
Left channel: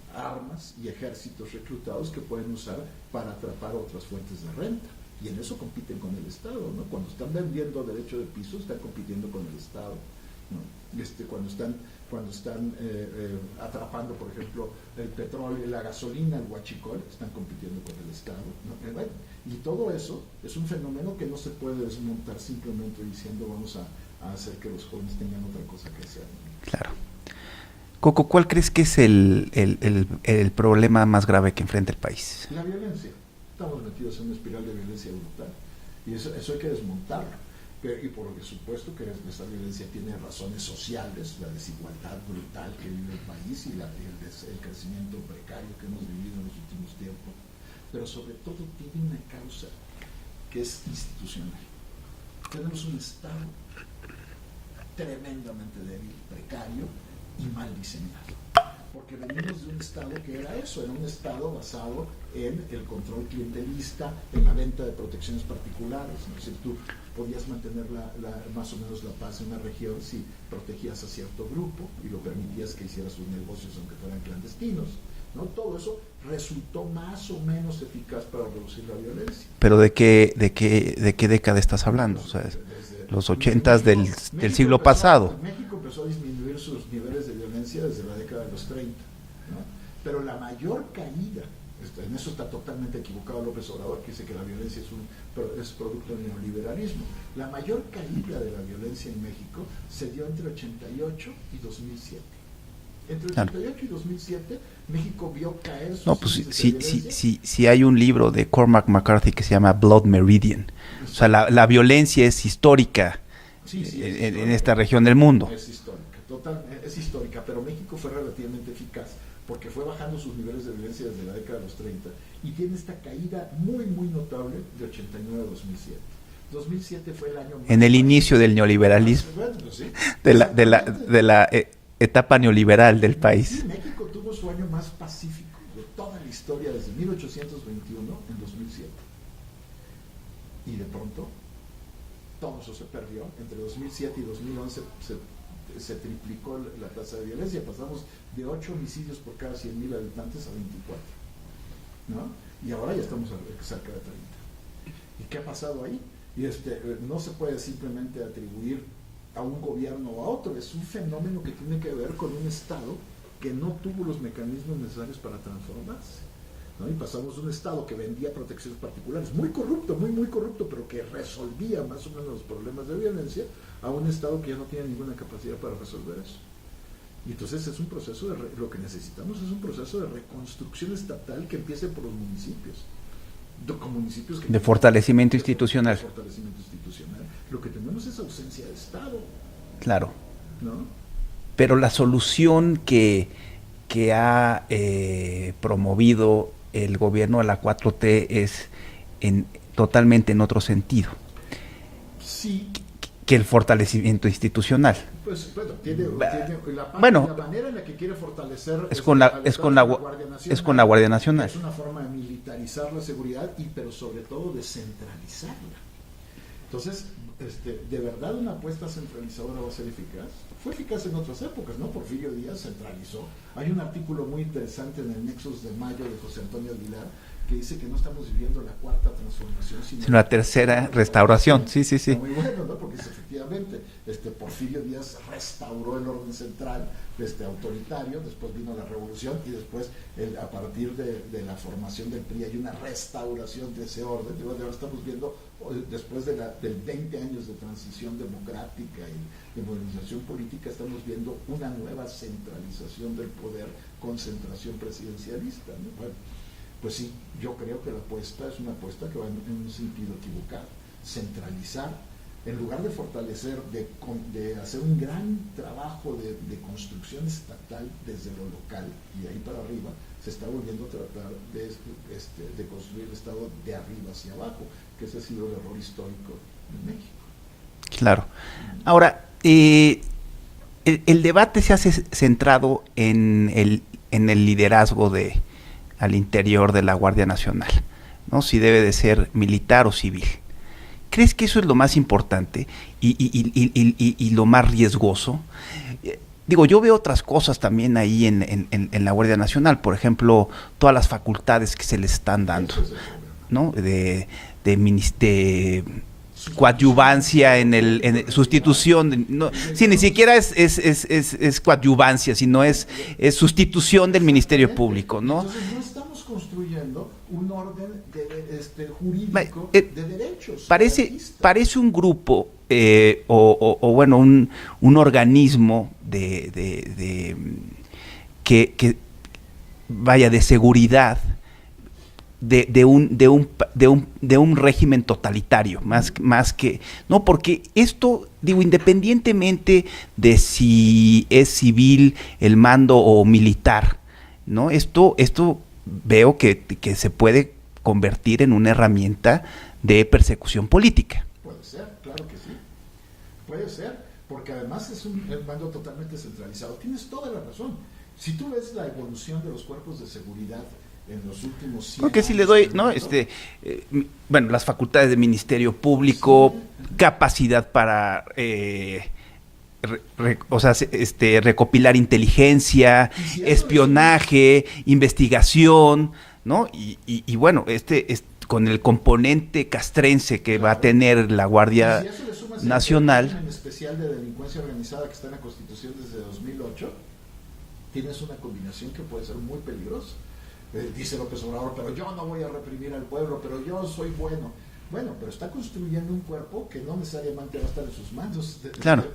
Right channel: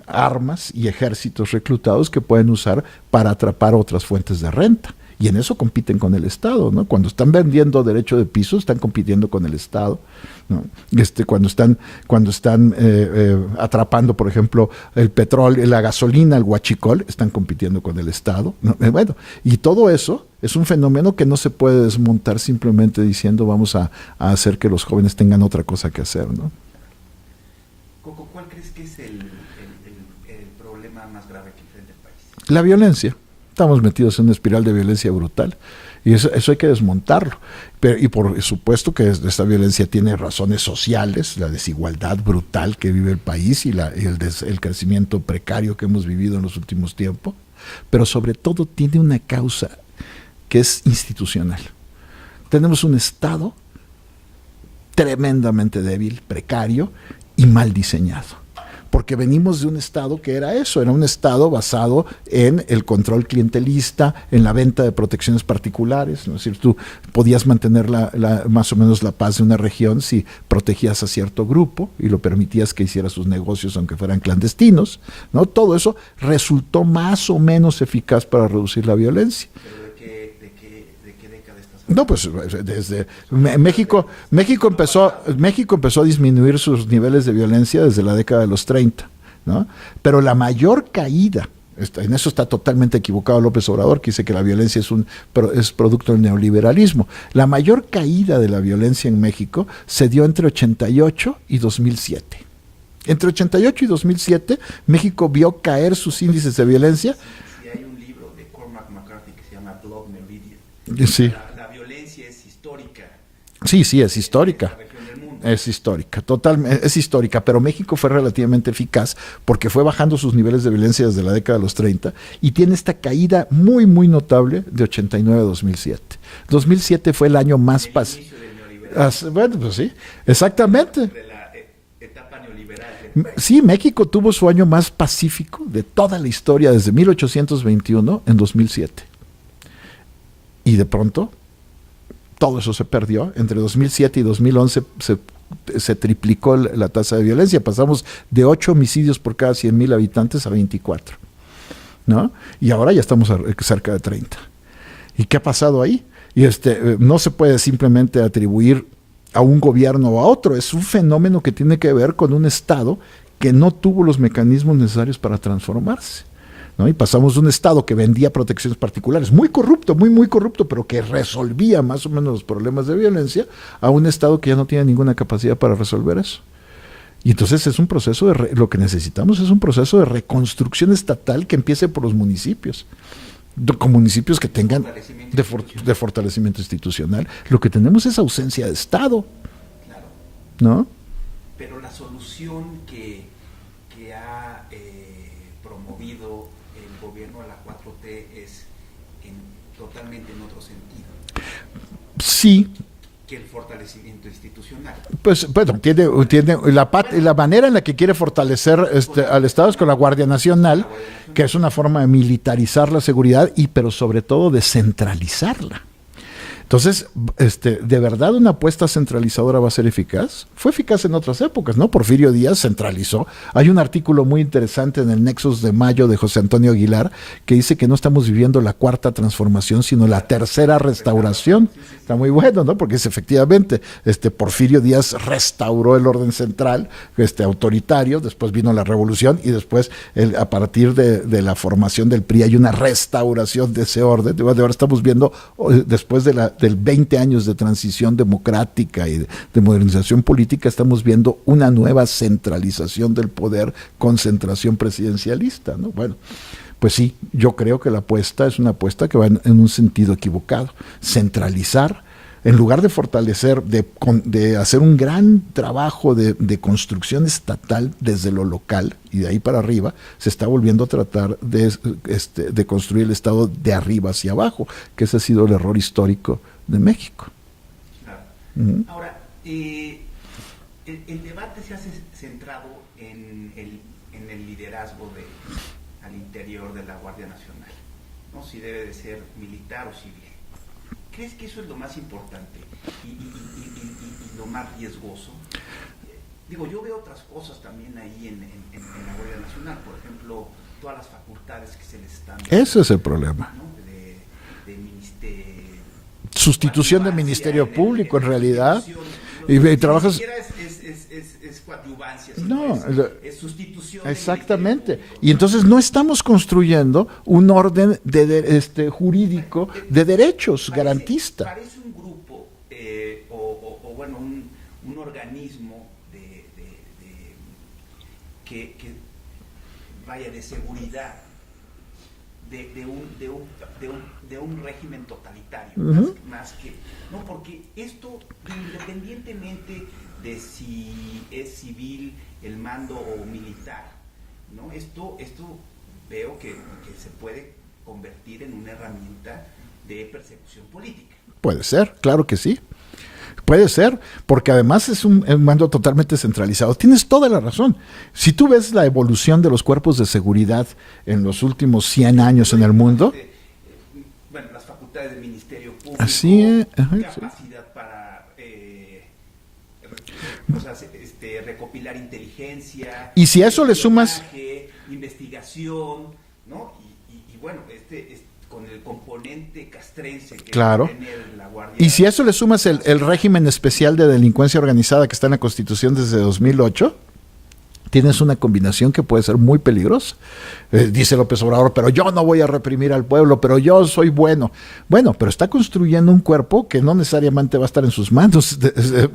armas y ejércitos reclutados que pueden usar para atrapar otras fuentes de renta. Y en eso compiten con el Estado, ¿no? Cuando están vendiendo derecho de piso, están compitiendo con el Estado, ¿no? Cuando están atrapando, por ejemplo, el petróleo, la gasolina, el huachicol, están compitiendo con el Estado, ¿no? Bueno, y todo eso es un fenómeno que no se puede desmontar simplemente diciendo vamos a hacer que los jóvenes tengan otra cosa que hacer, ¿no? Claro. Coco, ¿cuál crees que es el problema más grave que enfrenta el país? La violencia. Estamos metidos en una espiral de violencia brutal y eso hay que desmontarlo. Y por supuesto que esta violencia tiene razones sociales, la desigualdad brutal que vive el país y el crecimiento precario que hemos vivido en los últimos tiempos, pero sobre todo tiene una causa que es institucional. Tenemos un Estado tremendamente débil, precario y mal diseñado. porque venimos de un Estado que era eso, era un Estado basado en el control clientelista, en la venta de protecciones particulares, ¿no? Es decir, tú podías mantener más o menos la paz de una región si protegías a cierto grupo y lo permitías que hiciera sus negocios aunque fueran clandestinos, ¿no? Todo eso resultó más o menos eficaz para reducir la violencia. ¿Pero de qué década estás hablando? No, pues O sea, desde los 80 México, del siglo pasado. México empezó a disminuir sus niveles de violencia desde la década de los 30, ¿no? Pero la mayor caída, en eso está totalmente equivocado López Obrador, que dice que la violencia es producto del neoliberalismo. La mayor caída de la violencia en México se dio entre 88 y 2007. Entre 88 y 2007, México vio caer sus índices de violencia. Sí, hay un libro de Cormac McCarthy que se llama Blood Meridian. Sí. O sea, la violencia es histórica. Sí, es histórica. En esta región del mundo. Es histórica, totalmente, es histórica, pero México fue relativamente eficaz porque fue bajando sus niveles de violencia desde la década de los 30 y tiene esta caída muy, muy notable de 89 a 2007. 2007 fue el año más... En el inicio del neoliberalismo. Bueno, pues sí, exactamente. De la etapa neoliberal del país. Sí, México tuvo su año más pacífico de toda la historia desde 1821 en 2007. Y de pronto, todo eso se perdió. Entre 2007 y 2011 se triplicó la tasa de violencia. Pasamos de 8 homicidios por cada 100,000 habitantes a 24, ¿no? Y ahora ya estamos cerca de 30. ¿Y qué ha pasado ahí? Y no se puede simplemente atribuir a un gobierno o a otro. Es un fenómeno que tiene que ver con un Estado que no tuvo los mecanismos necesarios para transformarse, ¿no? Y pasamos de un Estado que vendía protecciones particulares, muy corrupto, muy corrupto, pero que resolvía más o menos los problemas de violencia, a un Estado que ya no tiene ninguna capacidad para resolver eso. Y entonces es un proceso lo que necesitamos es un proceso de reconstrucción estatal que empiece por los municipios. Con municipios que tengan fortalecimiento institucional. De fortalecimiento institucional. Lo que tenemos es ausencia de Estado. Claro. ¿No? Pero la solución que ha promovido el gobierno de la 4T es totalmente en otro sentido. Sí. Que el fortalecimiento institucional. Pues bueno, tiene la manera en la que quiere fortalecer al Estado es con la Guardia Nacional, que es una forma de militarizar la seguridad pero sobre todo de centralizarla. Entonces, ¿de verdad una apuesta centralizadora va a ser eficaz? Fue eficaz en otras épocas, ¿no? Porfirio Díaz centralizó. Hay un artículo muy interesante en el Nexos de Mayo de José Antonio Aguilar que dice que no estamos viviendo la cuarta transformación, sino la tercera restauración. Sí. Está muy bueno, ¿no? Porque efectivamente, Porfirio Díaz restauró el orden central, autoritario, después vino la revolución y después, a partir de la formación del PRI, hay una restauración de ese orden. De ahora estamos viendo, después del 20 años de transición democrática y de modernización política, estamos viendo una nueva centralización del poder, concentración presidencialista, ¿no? Bueno, pues sí, yo creo que la apuesta es una apuesta que va en un sentido equivocado. Centralizar, en lugar de fortalecer, de hacer un gran trabajo de construcción estatal desde lo local y de ahí para arriba, se está volviendo a tratar de construir el Estado de arriba hacia abajo, que ese ha sido el error histórico de México. Claro. Uh-huh. Ahora, el debate se ha centrado en el liderazgo al interior de la Guardia Nacional, ¿no? Si debe de ser militar o civil. ¿Crees que eso es lo más importante y lo más riesgoso? Digo, yo veo otras cosas también ahí en la Guardia Nacional, por ejemplo, todas las facultades que se les están dando. Eso es el problema. ¿No? De coadyuvancia en sustitución, ni siquiera es coadyuvancia, sino es sustitución del Ministerio Público, ¿no? Y entonces no estamos construyendo un orden jurídico de derechos garantista. Parece un grupo un organismo que vaya de seguridad de un régimen totalitario, uh-huh. más que no, porque esto, digo, independientemente de si es civil el mando o militar, ¿no? Esto veo que se puede convertir en una herramienta de persecución política. Puede ser, claro que sí. Puede ser, porque además es un mando totalmente centralizado. Tienes toda la razón. Si tú ves la evolución de los cuerpos de seguridad en los últimos 100 años en el mundo... bueno, las facultades del Ministerio Público, ajá, capacidad para... recopilar inteligencia, y si a eso espionaje, investigación, ¿no? Y bueno, con el componente castrense que va a tener la Guardia Nacional. Y si a eso le sumas el régimen especial de delincuencia organizada que está en la Constitución desde 2008, tienes una combinación que puede ser muy peligrosa. Dice López Obrador, pero yo no voy a reprimir al pueblo, pero yo soy bueno. Bueno, pero está construyendo un cuerpo que no necesariamente va a estar en sus manos. Claro.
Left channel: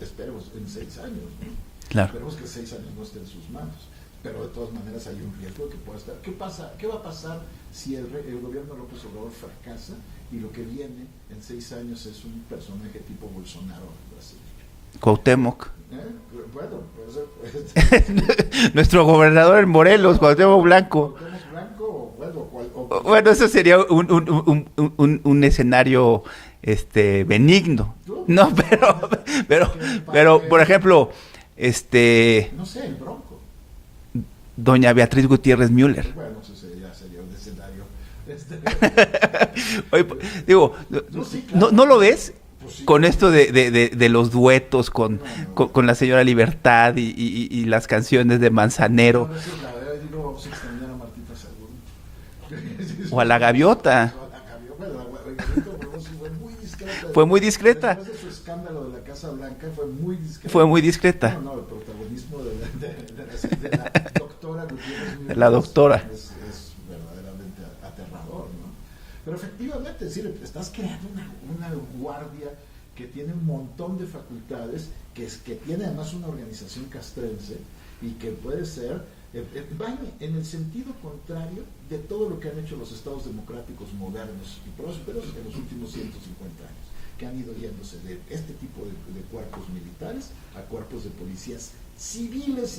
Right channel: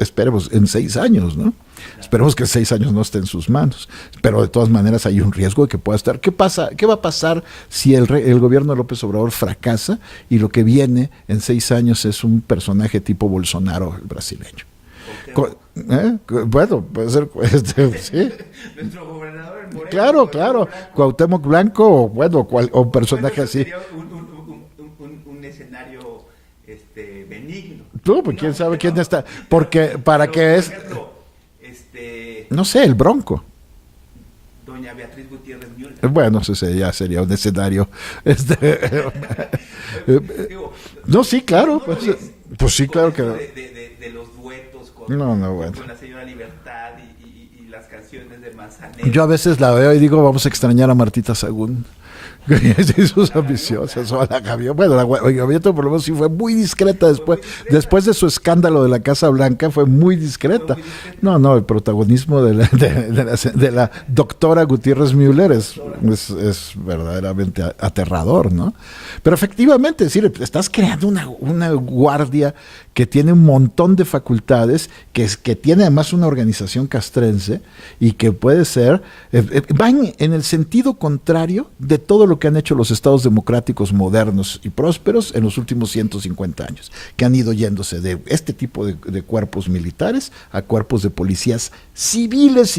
Esperemos, en 6 años, ¿no? Claro. Esperemos que en 6 años no esté en sus manos. Pero de todas maneras hay un riesgo de que pueda estar. ¿Qué pasa? ¿Qué va a pasar si el gobierno de López Obrador fracasa y lo que viene en 6 años es un personaje tipo Bolsonaro, el brasileño? Cuauhtémoc. Bueno, puede ser. ¿Sí? Nuestro gobernador en Morelos, claro, Cuauhtémoc Blanco. Cuauhtémoc Blanco, bueno, eso sería un escenario benigno. No, pues, ¿quién sabe quién está? Porque, pero por ejemplo, no sé, el Bronco. Doña Beatriz Gutiérrez Müller. Bueno, ese ya sería un escenario. Oye, digo, no, sí, claro. ¿No lo ves? Pues sí, con claro esto de los duetos con la señora Libertad y las canciones de Manzanero. Yo a veces la veo y digo, vamos a extrañar a Martita Sagún. O a la gaviota. Bueno, la gaviota por lo menos sí fue muy discreta. Fue muy discreta. Después de su escándalo de la Casa Blanca fue muy discreta. Fue muy discreta. No, el protagonismo de la doctora Gutiérrez Müller es verdaderamente aterrador, ¿no? Pero efectivamente, es decir, estás creando una guardia que tiene un montón de facultades, que tiene además una organización castrense y que puede ser, van en el sentido contrario de todo lo que han hecho los estados democráticos modernos y prósperos en los últimos 150 años, que han ido yéndose de este tipo de cuerpos militares a cuerpos de policías civiles,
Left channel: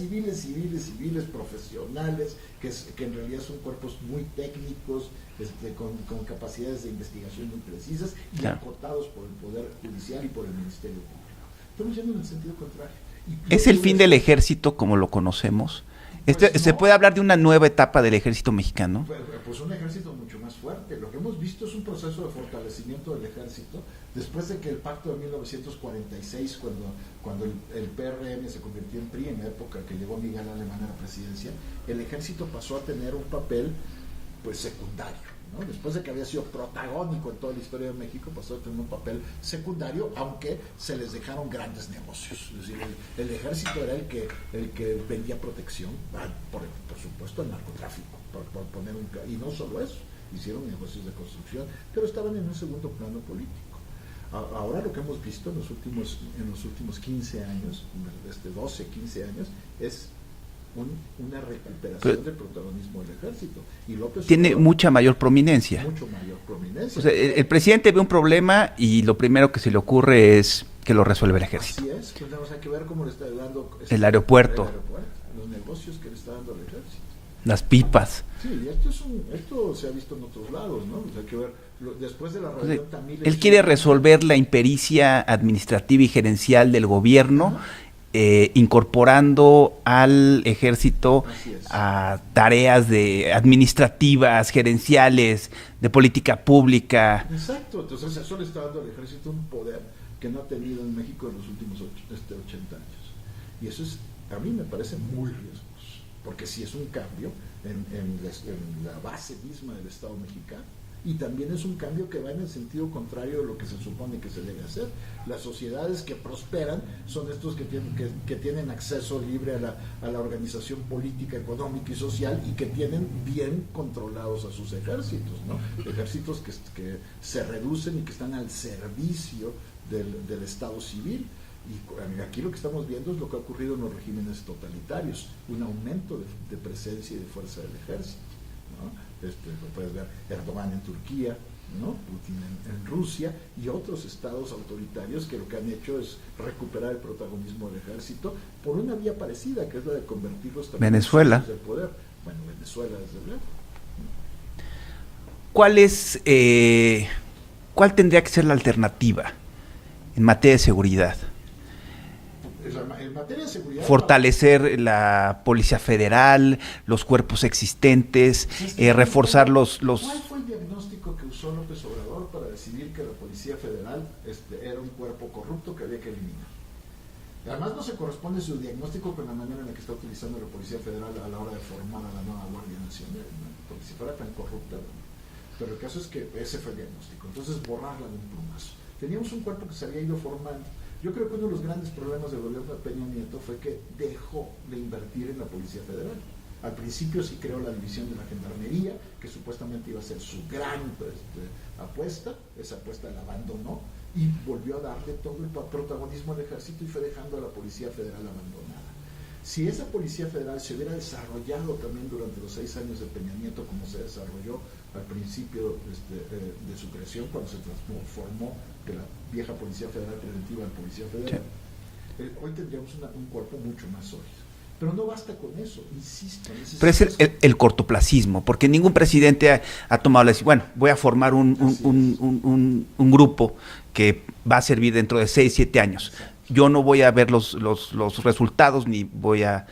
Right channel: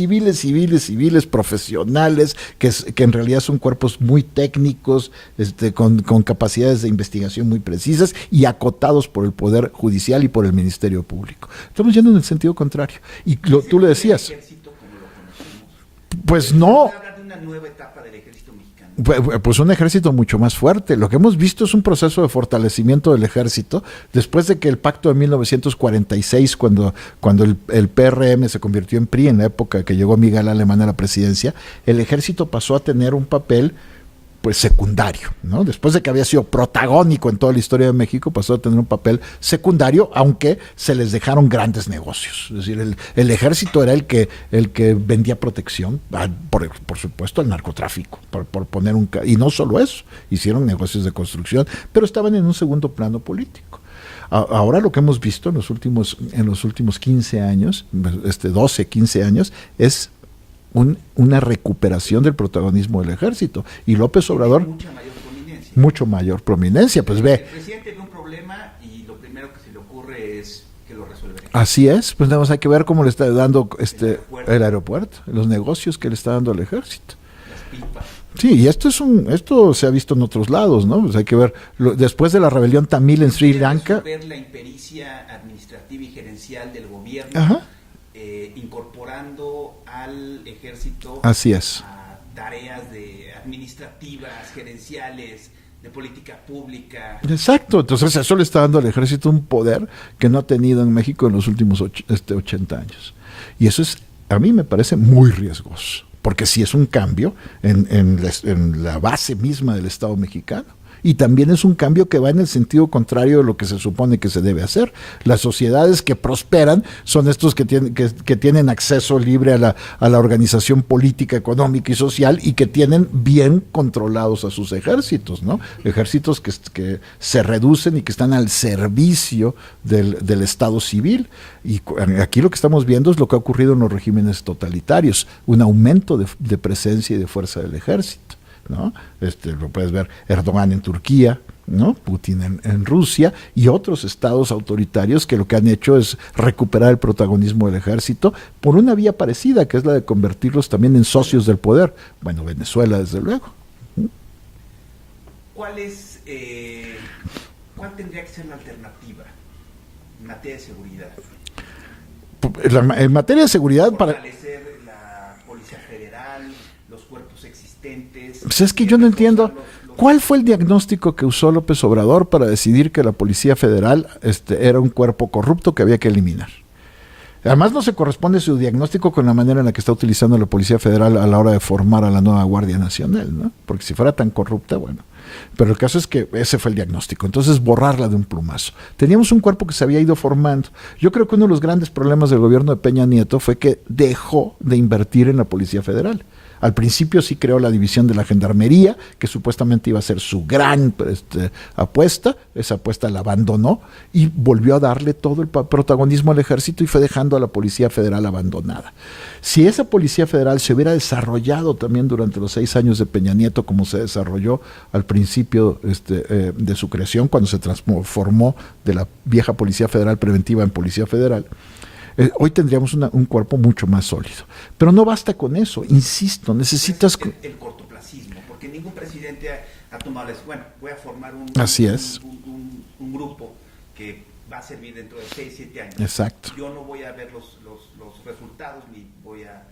profesionales, que en realidad son cuerpos muy técnicos, con capacidades de investigación muy precisas y acotados por el Poder Judicial y por el Ministerio Público. Estamos yendo en el sentido contrario. Y ¿Es el fin del ejército como lo conocemos? Pues no. ¿Se puede hablar de una nueva etapa del ejército mexicano? Pues un ejército mucho más fuerte. Lo que hemos visto es un proceso de fortalecimiento del ejército después de que el pacto de 1946, cuando el PRM se convirtió en PRI, en la época que llegó Miguel Alemán a la presidencia, el ejército pasó a tener un papel pues secundario, ¿no? Después de que había sido protagónico en toda la historia de México, pasó a tener un papel secundario, aunque se les dejaron grandes negocios. Es decir, el ejército era el que vendía protección, por supuesto, al narcotráfico, por poner y no solo eso, hicieron negocios de construcción, pero estaban en un segundo plano político. Ahora lo que hemos visto en los últimos 15 años, 12, 15 años, es una recuperación del protagonismo del ejército. Y López Obrador... Tiene mucha mayor prominencia. Mucho mayor prominencia. O sea, pues el presidente ve un problema y lo primero que se le ocurre es que lo resuelve el ejército. Así es. Pues nada más hay que ver cómo le está dando... el aeropuerto. Los negocios que le está dando al ejército. Las pipas. Sí, y esto se ha visto en otros lados, ¿no? Pues hay que ver, después de la rebelión tamil en Sri Lanka... Quiere resolver la impericia administrativa y gerencial del gobierno... incorporando al ejército a tareas administrativas, gerenciales, de política pública. Exacto, entonces eso le está dando al ejército un poder que no ha tenido en México en los últimos 80 años. Y eso a mí me parece muy riesgoso, porque sí es un cambio en la base misma del Estado mexicano. Y también es un cambio que va en el sentido contrario de lo que se supone que se debe hacer. Las sociedades que prosperan son estos que tienen acceso libre a la organización política, económica y social, y que tienen bien controlados a sus ejércitos, ¿no? Ejércitos que se reducen y que están al servicio del Estado civil. Y aquí lo que estamos viendo es lo que ha ocurrido en los regímenes totalitarios, un aumento de presencia y de fuerza del ejército, ¿no? Lo puedes ver Erdogan en Turquía, ¿no? Putin en Rusia y otros estados autoritarios que lo que han hecho es recuperar el protagonismo del ejército por una vía parecida, que es la de convertirlos también en socios del poder. Bueno, Venezuela, desde luego. ¿Cuál tendría que ser la alternativa? en materia de seguridad? En materia de seguridad... Fortalecer la Policía Federal, los cuerpos existentes, pues es que yo reforzar no los... ¿Cuál fue el diagnóstico que usó López Obrador para decidir que la Policía Federal era un cuerpo corrupto que había que eliminar? Además no se corresponde su diagnóstico con la manera en la que está utilizando la Policía Federal a la hora de formar a la nueva Guardia Nacional, ¿no? Porque si fuera tan corrupta, bueno... Pero el caso es que ese fue el diagnóstico. Entonces, borrarla de un plumazo. Teníamos un cuerpo que se había ido formando. Yo creo que uno de los grandes problemas del gobierno de Peña Nieto fue que dejó de invertir en la Policía Federal. Al principio sí creó la división de la Gendarmería, que supuestamente iba a ser su gran apuesta. Esa apuesta la abandonó y volvió a darle todo el protagonismo al Ejército y fue dejando a la Policía Federal abandonada. Si esa Policía Federal se hubiera desarrollado también durante los 6 años de Peña Nieto, como se desarrolló al principio de su creación, cuando se transformó de la vieja Policía Federal Preventiva en Policía Federal, hoy tendríamos un cuerpo mucho más sólido. Pero no basta con eso, insisto, necesitas... Pero es el cortoplacismo, porque ningún presidente ha tomado la decisión, bueno, voy a formar un grupo que va a servir dentro de 6, 7 años. Exacto. Yo no voy a ver los resultados, ni voy a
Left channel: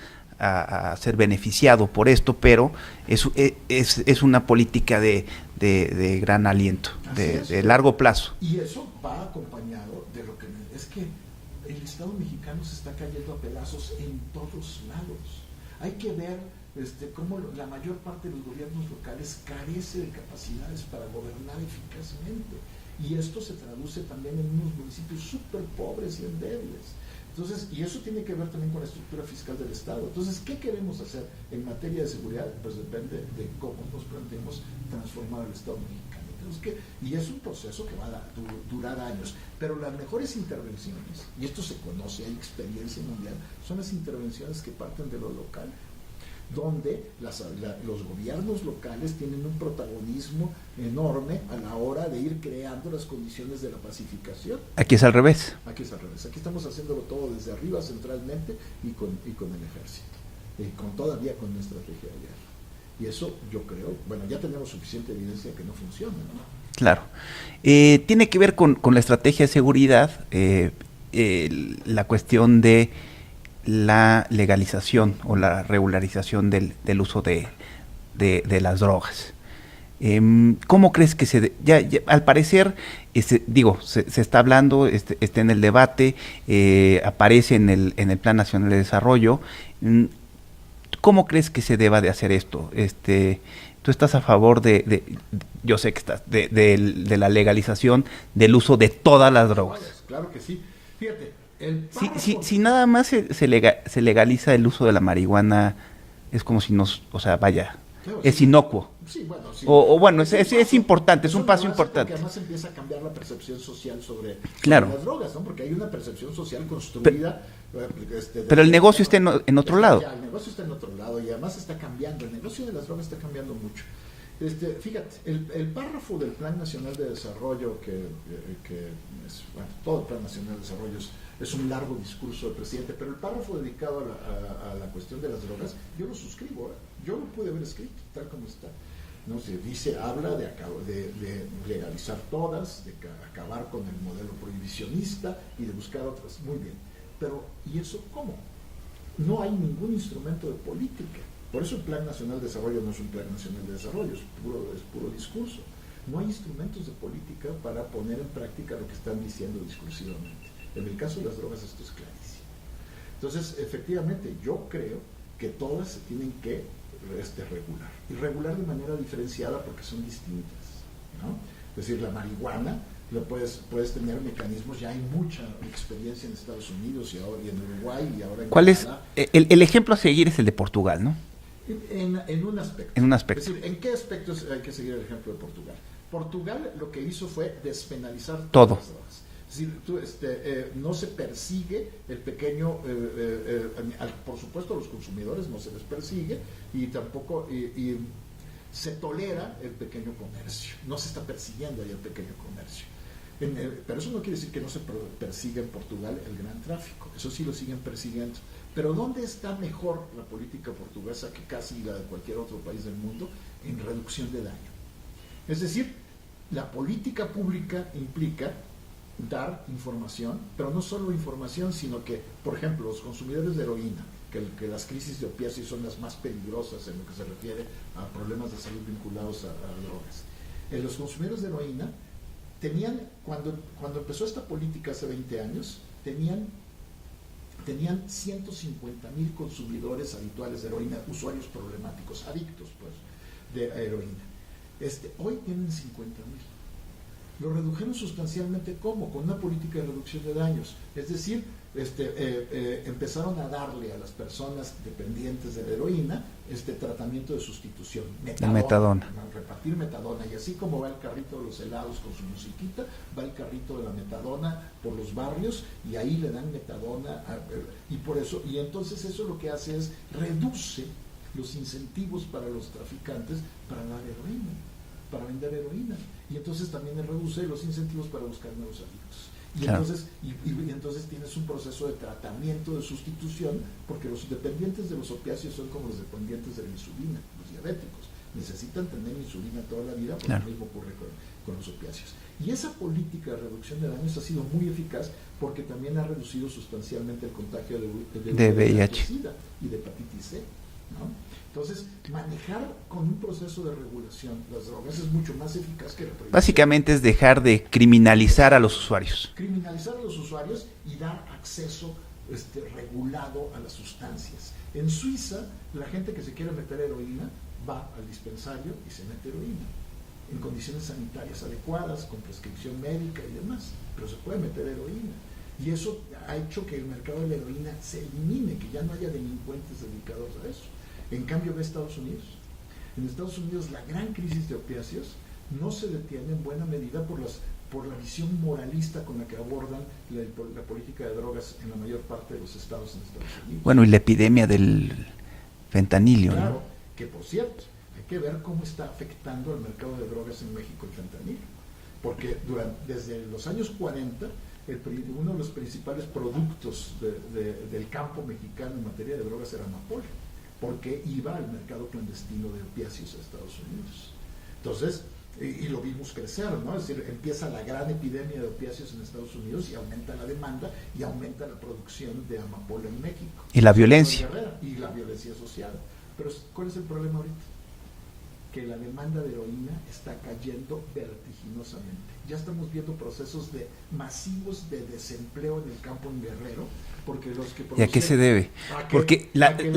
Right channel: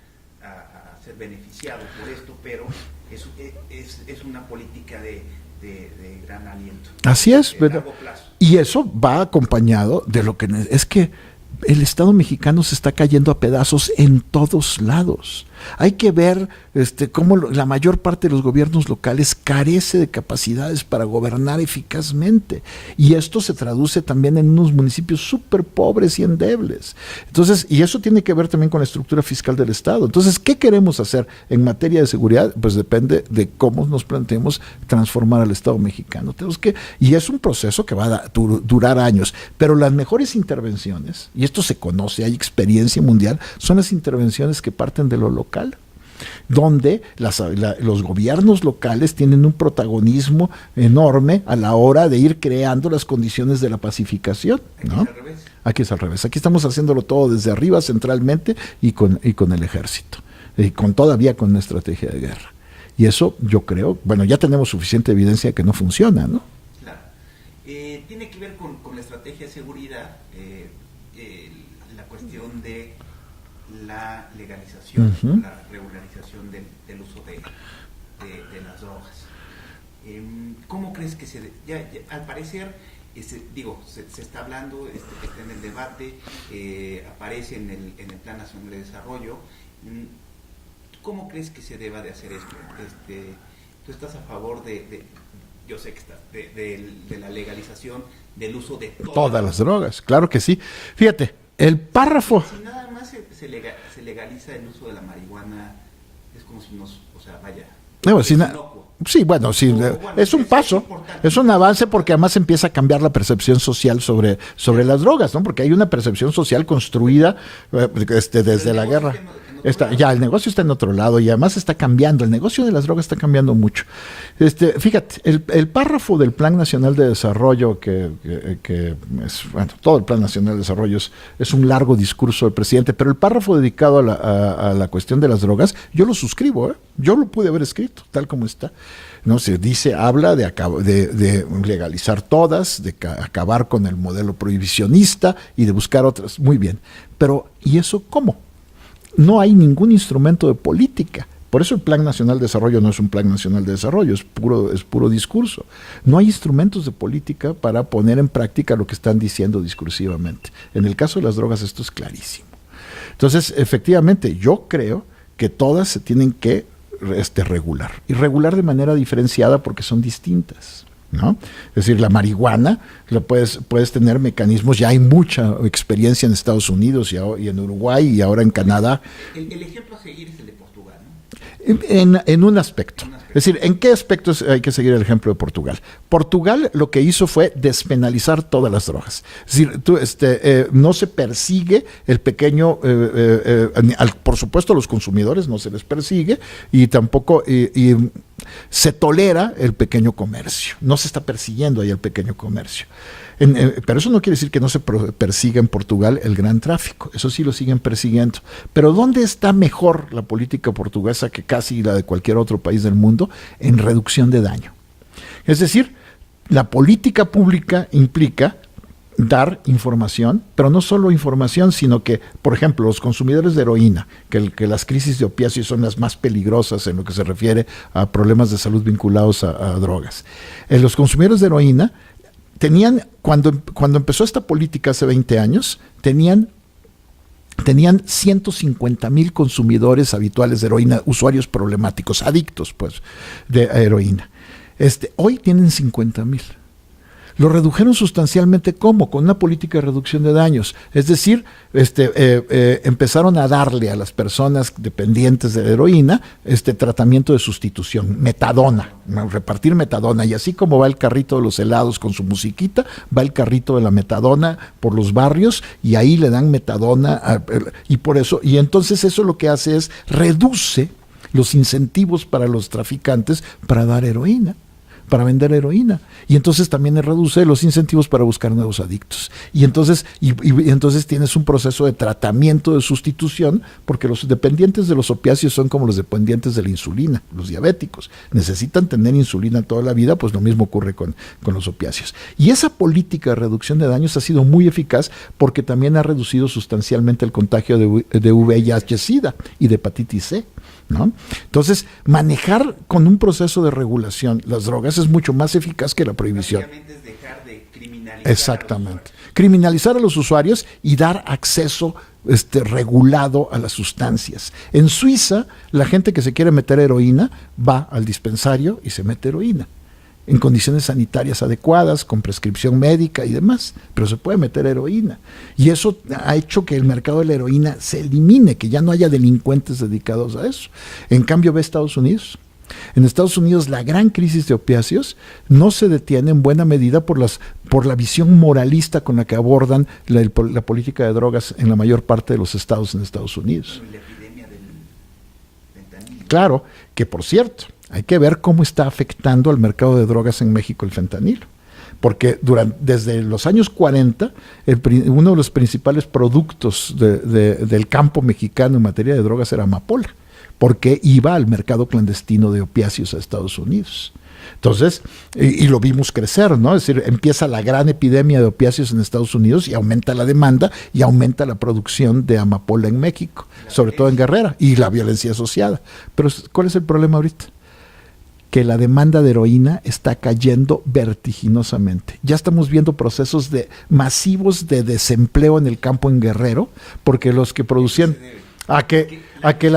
ser beneficiado por esto, pero es una política de gran aliento. Así es. De largo plazo. Y eso va acompañado de lo que... Es que el Estado mexicano se está cayendo a pedazos en todos lados. Hay que ver cómo la mayor parte de los gobiernos locales carece de capacidades para gobernar eficazmente. Y esto se traduce también en unos municipios súper pobres y endebles. Entonces, y eso tiene que ver también con la estructura fiscal del Estado. Entonces, ¿qué queremos hacer en materia de seguridad? Pues depende de cómo nos planteemos transformar al Estado mexicano. Y es un proceso que va a durar años. Pero las mejores intervenciones, y esto se conoce, hay experiencia mundial, son las intervenciones que parten de lo local, donde los gobiernos locales tienen un protagonismo enorme a la hora de ir creando las condiciones de la pacificación. Aquí es al revés. Aquí es al revés. Aquí estamos haciéndolo todo desde arriba, centralmente, y con el ejército. Y todavía con una estrategia de guerra. Y eso, yo creo, bueno, ya tenemos suficiente evidencia de que no funciona, ¿no? Claro. Tiene que ver con la estrategia de seguridad, la cuestión de la legalización o la regularización del uso de las drogas. ¿Cómo crees que ya al parecer, se está hablando, está en el debate, aparece en el Plan Nacional de Desarrollo? ¿Cómo crees que se deba de hacer esto? ¿Tú estás a favor yo sé que estás, de la legalización del uso de todas las drogas? Claro que sí. Fíjate, el párrafo... Si nada más se legaliza el uso de la marihuana, es como si vaya... No, es inocuo. Sí, bueno, sí. Bueno, es un paso, es importante. Es un avance importante, porque además empieza a cambiar la percepción social sobre claro, las drogas, ¿no? Porque hay una percepción social construida desde pero el negocio está en otro lado. Ya, el negocio está en otro lado y además está cambiando. El negocio de las drogas está cambiando mucho. Fíjate, el párrafo del Plan Nacional de Desarrollo, que es, bueno, todo el Plan Nacional de Desarrollo es un largo discurso del presidente, pero el párrafo dedicado a la cuestión de las drogas, yo lo suscribo, yo lo pude haber escrito tal como está. No se dice, habla de legalizar todas, de acabar con el modelo prohibicionista y de buscar otras. Muy bien. Pero, ¿y eso cómo? No hay ningún instrumento de política. Por eso el Plan Nacional de Desarrollo no es un Plan Nacional de Desarrollo, es puro discurso. No hay instrumentos de política para poner en práctica lo que están diciendo discursivamente. En el caso de las drogas esto es clarísimo. Entonces, efectivamente, yo creo que todas se tienen que regular. Y regular de manera diferenciada porque son distintas, ¿no? Es decir, la marihuana, puedes tener mecanismos, ya hay mucha experiencia en Estados Unidos y en Uruguay y ahora en Canadá. El ejemplo a seguir es el de Portugal, ¿no? En un aspecto. En un aspecto. Es decir, ¿en qué aspectos hay que seguir el ejemplo de Portugal? Portugal lo que hizo fue despenalizar todas las drogas. Es decir, no se persigue el pequeño, por supuesto a los consumidores no se les persigue y tampoco se tolera el pequeño comercio. No se está persiguiendo ahí el pequeño comercio. Pero eso no quiere decir que no se persiga en Portugal el gran tráfico, eso sí lo siguen persiguiendo. Pero ¿dónde está mejor la política portuguesa que casi la de cualquier otro país del mundo? En reducción de daño. Es decir, la política pública implica dar información, pero no solo información, sino que, por ejemplo, los consumidores de heroína, que las crisis de opiáceos son las más peligrosas en lo que se refiere a problemas de salud vinculados a drogas. Los consumidores de heroína tenían, cuando empezó esta política hace 20 años, tenían 150,000 consumidores habituales de heroína, usuarios problemáticos, adictos, pues, de heroína. Hoy tienen 50,000. Lo redujeron sustancialmente, ¿cómo? Con una política de reducción de daños. Es decir, empezaron a darle a las personas dependientes de heroína tratamiento de sustitución, metadona, repartir metadona. Y así como va el carrito de los helados con su musiquita, va el carrito de la metadona por los barrios y ahí le dan metadona. Y entonces eso lo que hace es reduce los incentivos para los traficantes para dar heroína, para vender heroína, y entonces también reduce los incentivos para buscar nuevos adictos. Y entonces, entonces tienes un proceso de tratamiento de sustitución, porque los dependientes de los opiáceos son como los dependientes de la insulina, los diabéticos. Necesitan tener insulina toda la vida, pues lo mismo ocurre con los opiáceos. Y esa política de reducción de daños ha sido muy eficaz porque también ha reducido sustancialmente el contagio de VIH-Sida y de hepatitis C, ¿no? Entonces, manejar con un proceso de regulación las drogas es mucho más eficaz que la prohibición. Básicamente es dejar de criminalizar a los usuarios. Criminalizar a los usuarios y dar acceso regulado a las sustancias. En Suiza, la gente que se quiere meter heroína va al dispensario y se mete heroína en condiciones sanitarias adecuadas, con prescripción médica y demás, pero se puede meter heroína. Y eso ha hecho que el mercado de la heroína se elimine, que ya no haya delincuentes dedicados a eso. En cambio, ve Estados Unidos. En Estados Unidos la gran crisis de opiáceos no se detiene en buena medida por la visión moralista con la que abordan la política de drogas en la mayor parte de los estados en Estados Unidos. Bueno, y la epidemia del fentanilo. Claro, ¿no? Que por cierto, hay que ver cómo está afectando al mercado de drogas en México el fentanilo. Porque desde los años 40, uno de los principales productos del campo mexicano en materia de drogas era amapola, porque iba al mercado clandestino de opiáceos a Estados Unidos. Entonces, y lo vimos crecer, ¿no? Es decir, empieza la gran epidemia de opiáceos en Estados Unidos y aumenta la demanda y aumenta la producción de amapola en México. Y la sobre violencia. todo en Guerrera, y la violencia asociada. Pero, ¿cuál es el problema ahorita? Que la demanda de heroína está cayendo vertiginosamente. Ya estamos viendo procesos masivos de desempleo en el campo en Guerrero, porque los que producían... ¿Y a qué se debe? Porque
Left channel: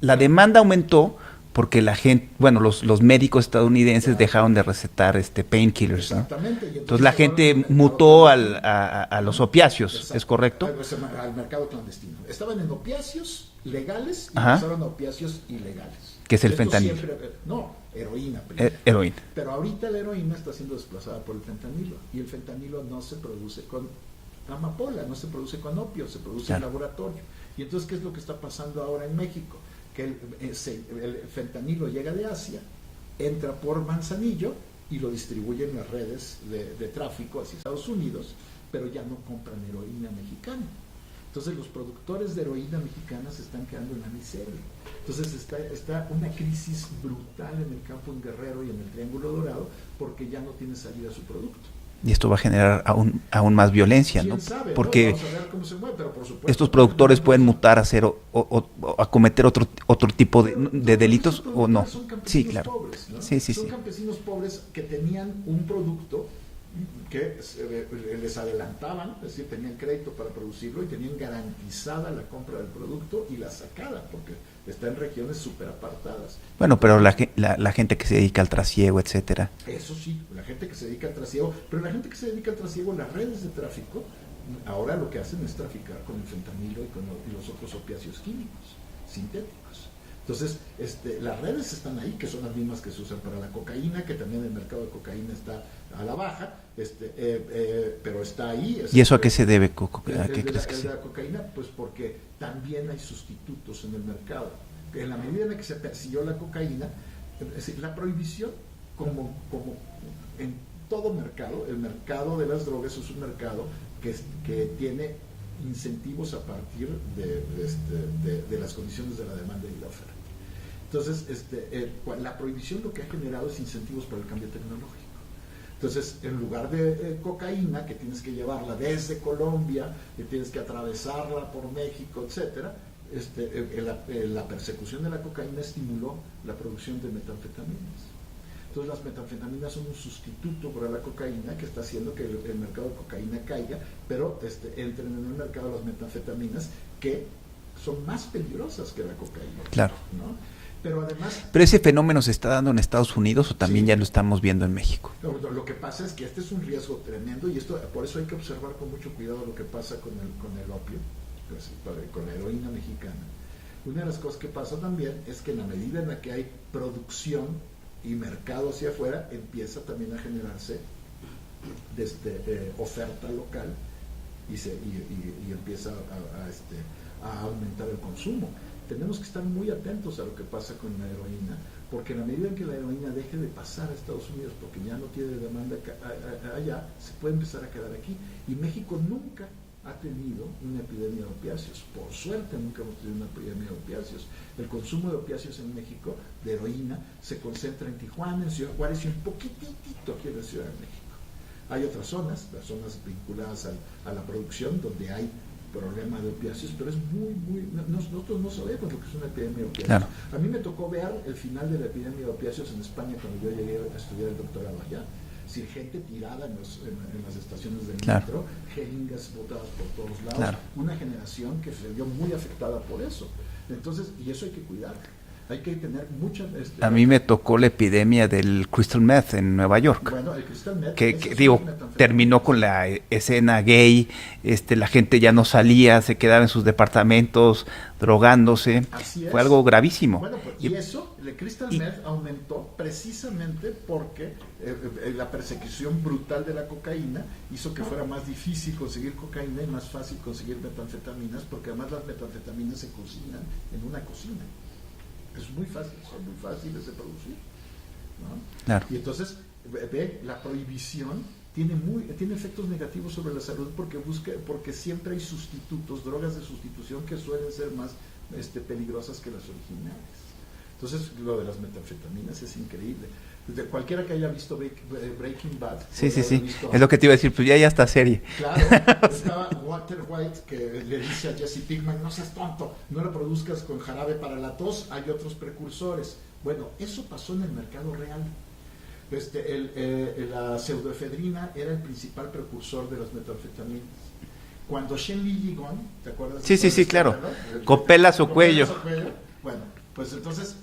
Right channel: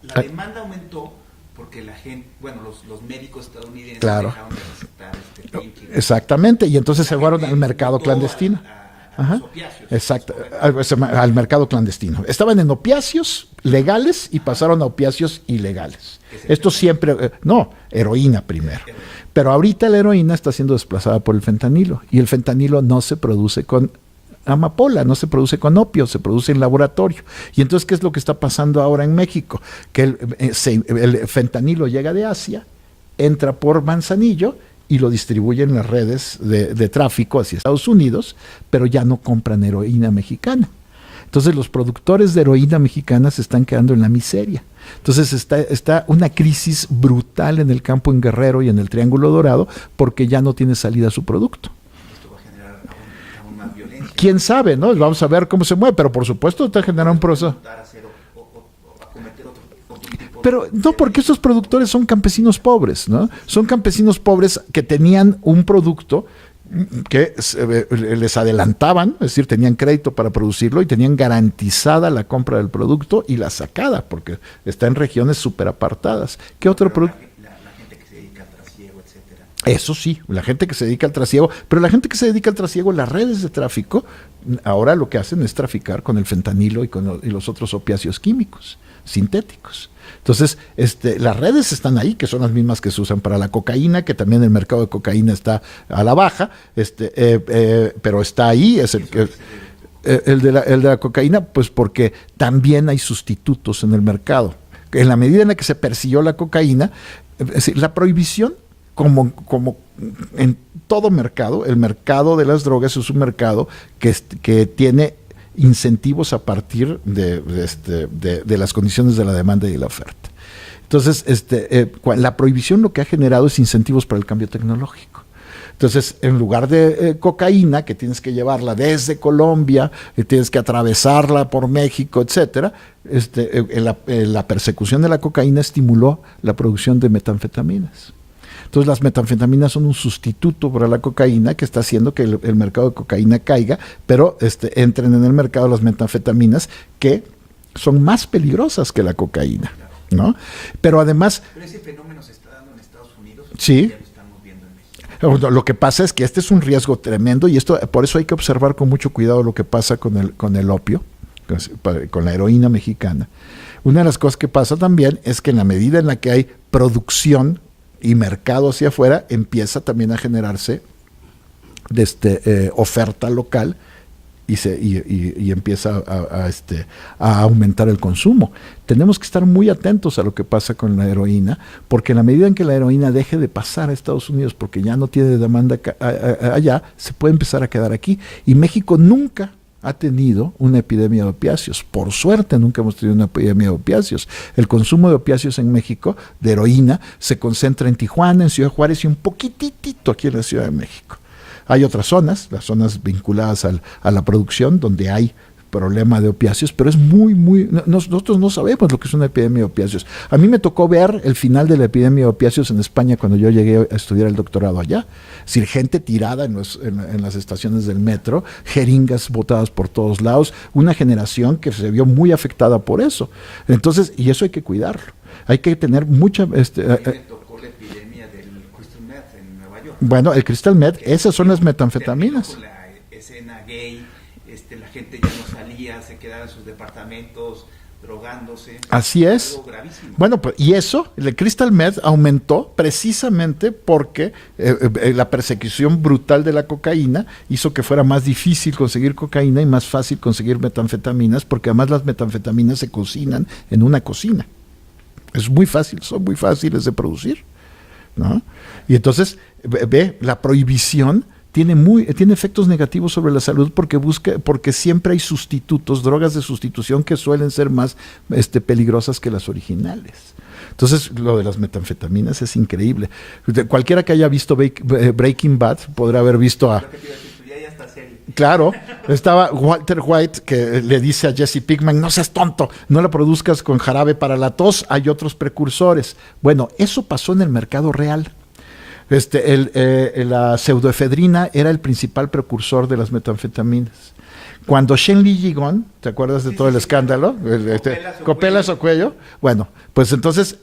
la demanda aumentó porque la gente, bueno, los médicos estadounidenses dejaron de recetar painkillers. Exactamente, y entonces la se fueron gente al mercado mutó clandestino. a los opiáceos, exacto, es correcto. Al mercado clandestino. Estaban en opiáceos legales y pasaron a opiáceos ilegales. ¿Qué es el Esto fentanilo? siempre, heroína primero. Heroína. Pero ahorita la heroína está siendo desplazada por el fentanilo, y el fentanilo no se produce con amapola, no se produce con opio, se produce en laboratorio. Y entonces, ¿qué es lo que está pasando ahora en México? Que el fentanilo llega de Asia, entra por Manzanillo y lo distribuyen en las redes de tráfico hacia Estados Unidos, pero ya no compran heroína mexicana. Entonces los productores de heroína mexicana se están quedando en la miseria. Entonces está una crisis brutal en el campo en Guerrero y en el Triángulo Dorado, porque ya no tiene salida su producto. Y esto va a generar aún más violencia. ¿Quién sabe? ¿No? Vamos a ver cómo se mueve, pero por supuesto estos productores pueden proceso. mutar a hacer o a cometer otro tipo pero, de no, porque delitos, estos productores son campesinos pobres, ¿no? Son campesinos pobres que tenían un producto que les adelantaban, es decir, tenían crédito para producirlo y tenían garantizada la compra del producto y la sacada, porque está en regiones súper apartadas. Bueno, pero la gente que se dedica al trasiego, etcétera. Eso sí, la gente que se dedica al trasiego, pero la gente que se dedica al trasiego, las redes de tráfico, ahora lo que hacen es traficar con el fentanilo y los otros opiáceos químicos, sintéticos. Entonces, las redes están ahí, que son las mismas que se usan para la cocaína, que también el mercado de cocaína está a la baja, pero está ahí. ¿Y eso a qué se debe, Coco? El de la cocaína, pues porque también hay sustitutos en el mercado. En la medida en la que se persiguió la cocaína, es decir, la prohibición, como en todo mercado, el mercado de las drogas es un mercado que tiene incentivos a partir de las condiciones de la demanda y de la oferta. Entonces, la prohibición lo que ha generado es incentivos para el cambio tecnológico. Entonces, en lugar de cocaína, que tienes que llevarla desde Colombia, tienes que atravesarla por México, etcétera, la persecución de la cocaína estimuló la producción de metanfetaminas. Entonces las metanfetaminas son un sustituto para la cocaína que está haciendo que el mercado de cocaína caiga, pero entren en el mercado las metanfetaminas que son más peligrosas que la cocaína. Claro. ¿No? Pero además... ¿Pero ese fenómeno se está dando en Estados Unidos o también ya lo estamos viendo en México? Lo que pasa es que este es un riesgo tremendo y por eso hay que observar con mucho cuidado lo que pasa con el opio, con la heroína mexicana. Una de las cosas que pasa también es que en la medida en la que hay producción y mercado hacia afuera, empieza también a generarse oferta local y empieza a aumentar el consumo. Tenemos que estar muy atentos a lo que pasa con la heroína, porque en la medida en que la heroína deje de pasar a Estados Unidos, porque ya no tiene demanda allá, se puede empezar a quedar aquí. Y México nunca ha tenido una epidemia de opiáceos. Por suerte nunca hemos tenido una epidemia de opiáceos. El consumo de opiáceos en México, de heroína, se concentra en Tijuana, en Ciudad Juárez y un poquitito aquí en la Ciudad de México. Hay otras zonas, las zonas vinculadas a la producción, donde hay problema de opiáceos, pero es nosotros no sabemos lo que es una epidemia de opiáceos. Claro. A mí me tocó ver el final de la epidemia de opiáceos en España cuando yo llegué a estudiar el doctorado allá. Es decir, gente tirada en las estaciones del metro, jeringas botadas por todos lados, una generación que se vio muy afectada por eso. Entonces, y eso hay que cuidarlo. Hay que tener mucha... A mí me tocó la epidemia del crystal meth en Nueva York. Bueno, el crystal meth, esas son las metanfetaminas. Terminó con la escena gay, la gente ya no salía, se quedaba en sus departamentos drogándose. Así es. Fue algo gravísimo. Bueno, pues, y eso, el crystal meth aumentó precisamente porque la persecución brutal de la cocaína hizo que fuera más difícil conseguir cocaína y más fácil conseguir metanfetaminas, porque además las metanfetaminas se cocinan en una cocina. Es muy fácil, son muy fáciles de producir, ¿no? Claro. Y entonces, la prohibición tiene efectos negativos sobre la salud porque siempre hay sustitutos, drogas de sustitución que suelen ser más peligrosas que las originales. Entonces, lo de las metanfetaminas es increíble. Cualquiera que haya visto Breaking Bad podrá haber visto a... Es lo que te iba a decir, pues ya está serie. Claro, estaba Walter White que le dice a Jesse Pinkman, no seas tonto, no la produzcas con jarabe para la tos, hay otros precursores. Bueno, eso pasó en el mercado real. La pseudoefedrina era el principal precursor de las metanfetaminas. Cuando Shen Li Yigon, ¿te acuerdas de todo el escándalo? Claro. Copelas o cuello. Bueno, pues entonces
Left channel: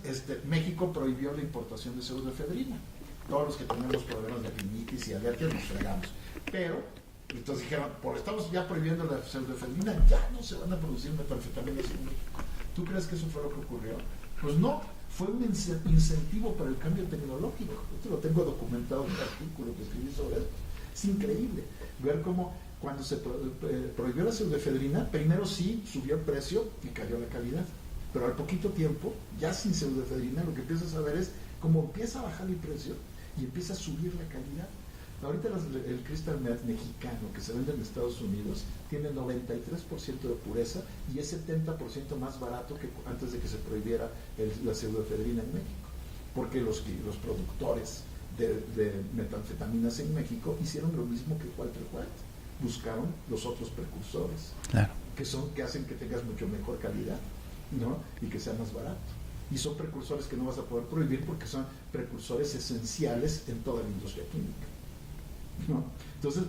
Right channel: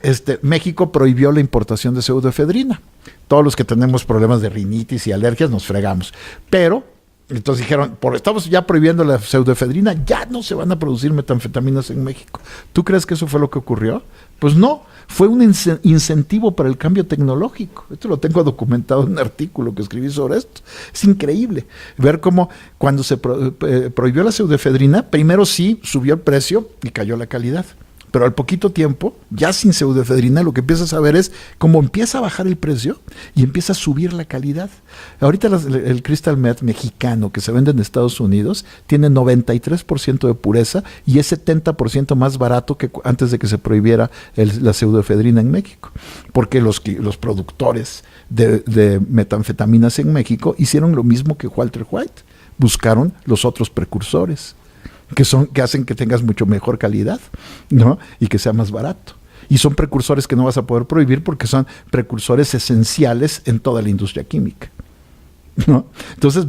México prohibió la importación de pseudoefedrina. Todos los que tenemos problemas de rinitis y alergias nos fregamos. Pero, entonces dijeron, estamos ya prohibiendo la pseudoefedrina, ya no se van a producir metanfetaminas en México. ¿Tú crees que eso fue lo que ocurrió? Pues no, fue un incentivo para el cambio tecnológico. Esto lo tengo documentado en un artículo que escribí sobre esto. Es increíble ver cómo cuando se prohibió la pseudoefedrina, primero sí subió el precio y cayó la calidad. Pero al poquito tiempo, ya sin pseudoefedrina, lo que empiezas a ver es cómo empieza a bajar el precio y empieza a subir la calidad. Ahorita el crystal meth mexicano que se vende en Estados Unidos tiene 93% de pureza y es 70% más barato que antes de que se prohibiera la pseudoefedrina en México. Porque los productores de metanfetaminas en México hicieron lo mismo que Walter White. Buscaron los otros precursores, claro, que hacen que tengas mucho mejor calidad, ¿no? Y que sea más barato. Y son precursores que no vas a poder prohibir porque son precursores esenciales en toda la industria química, ¿no? Entonces,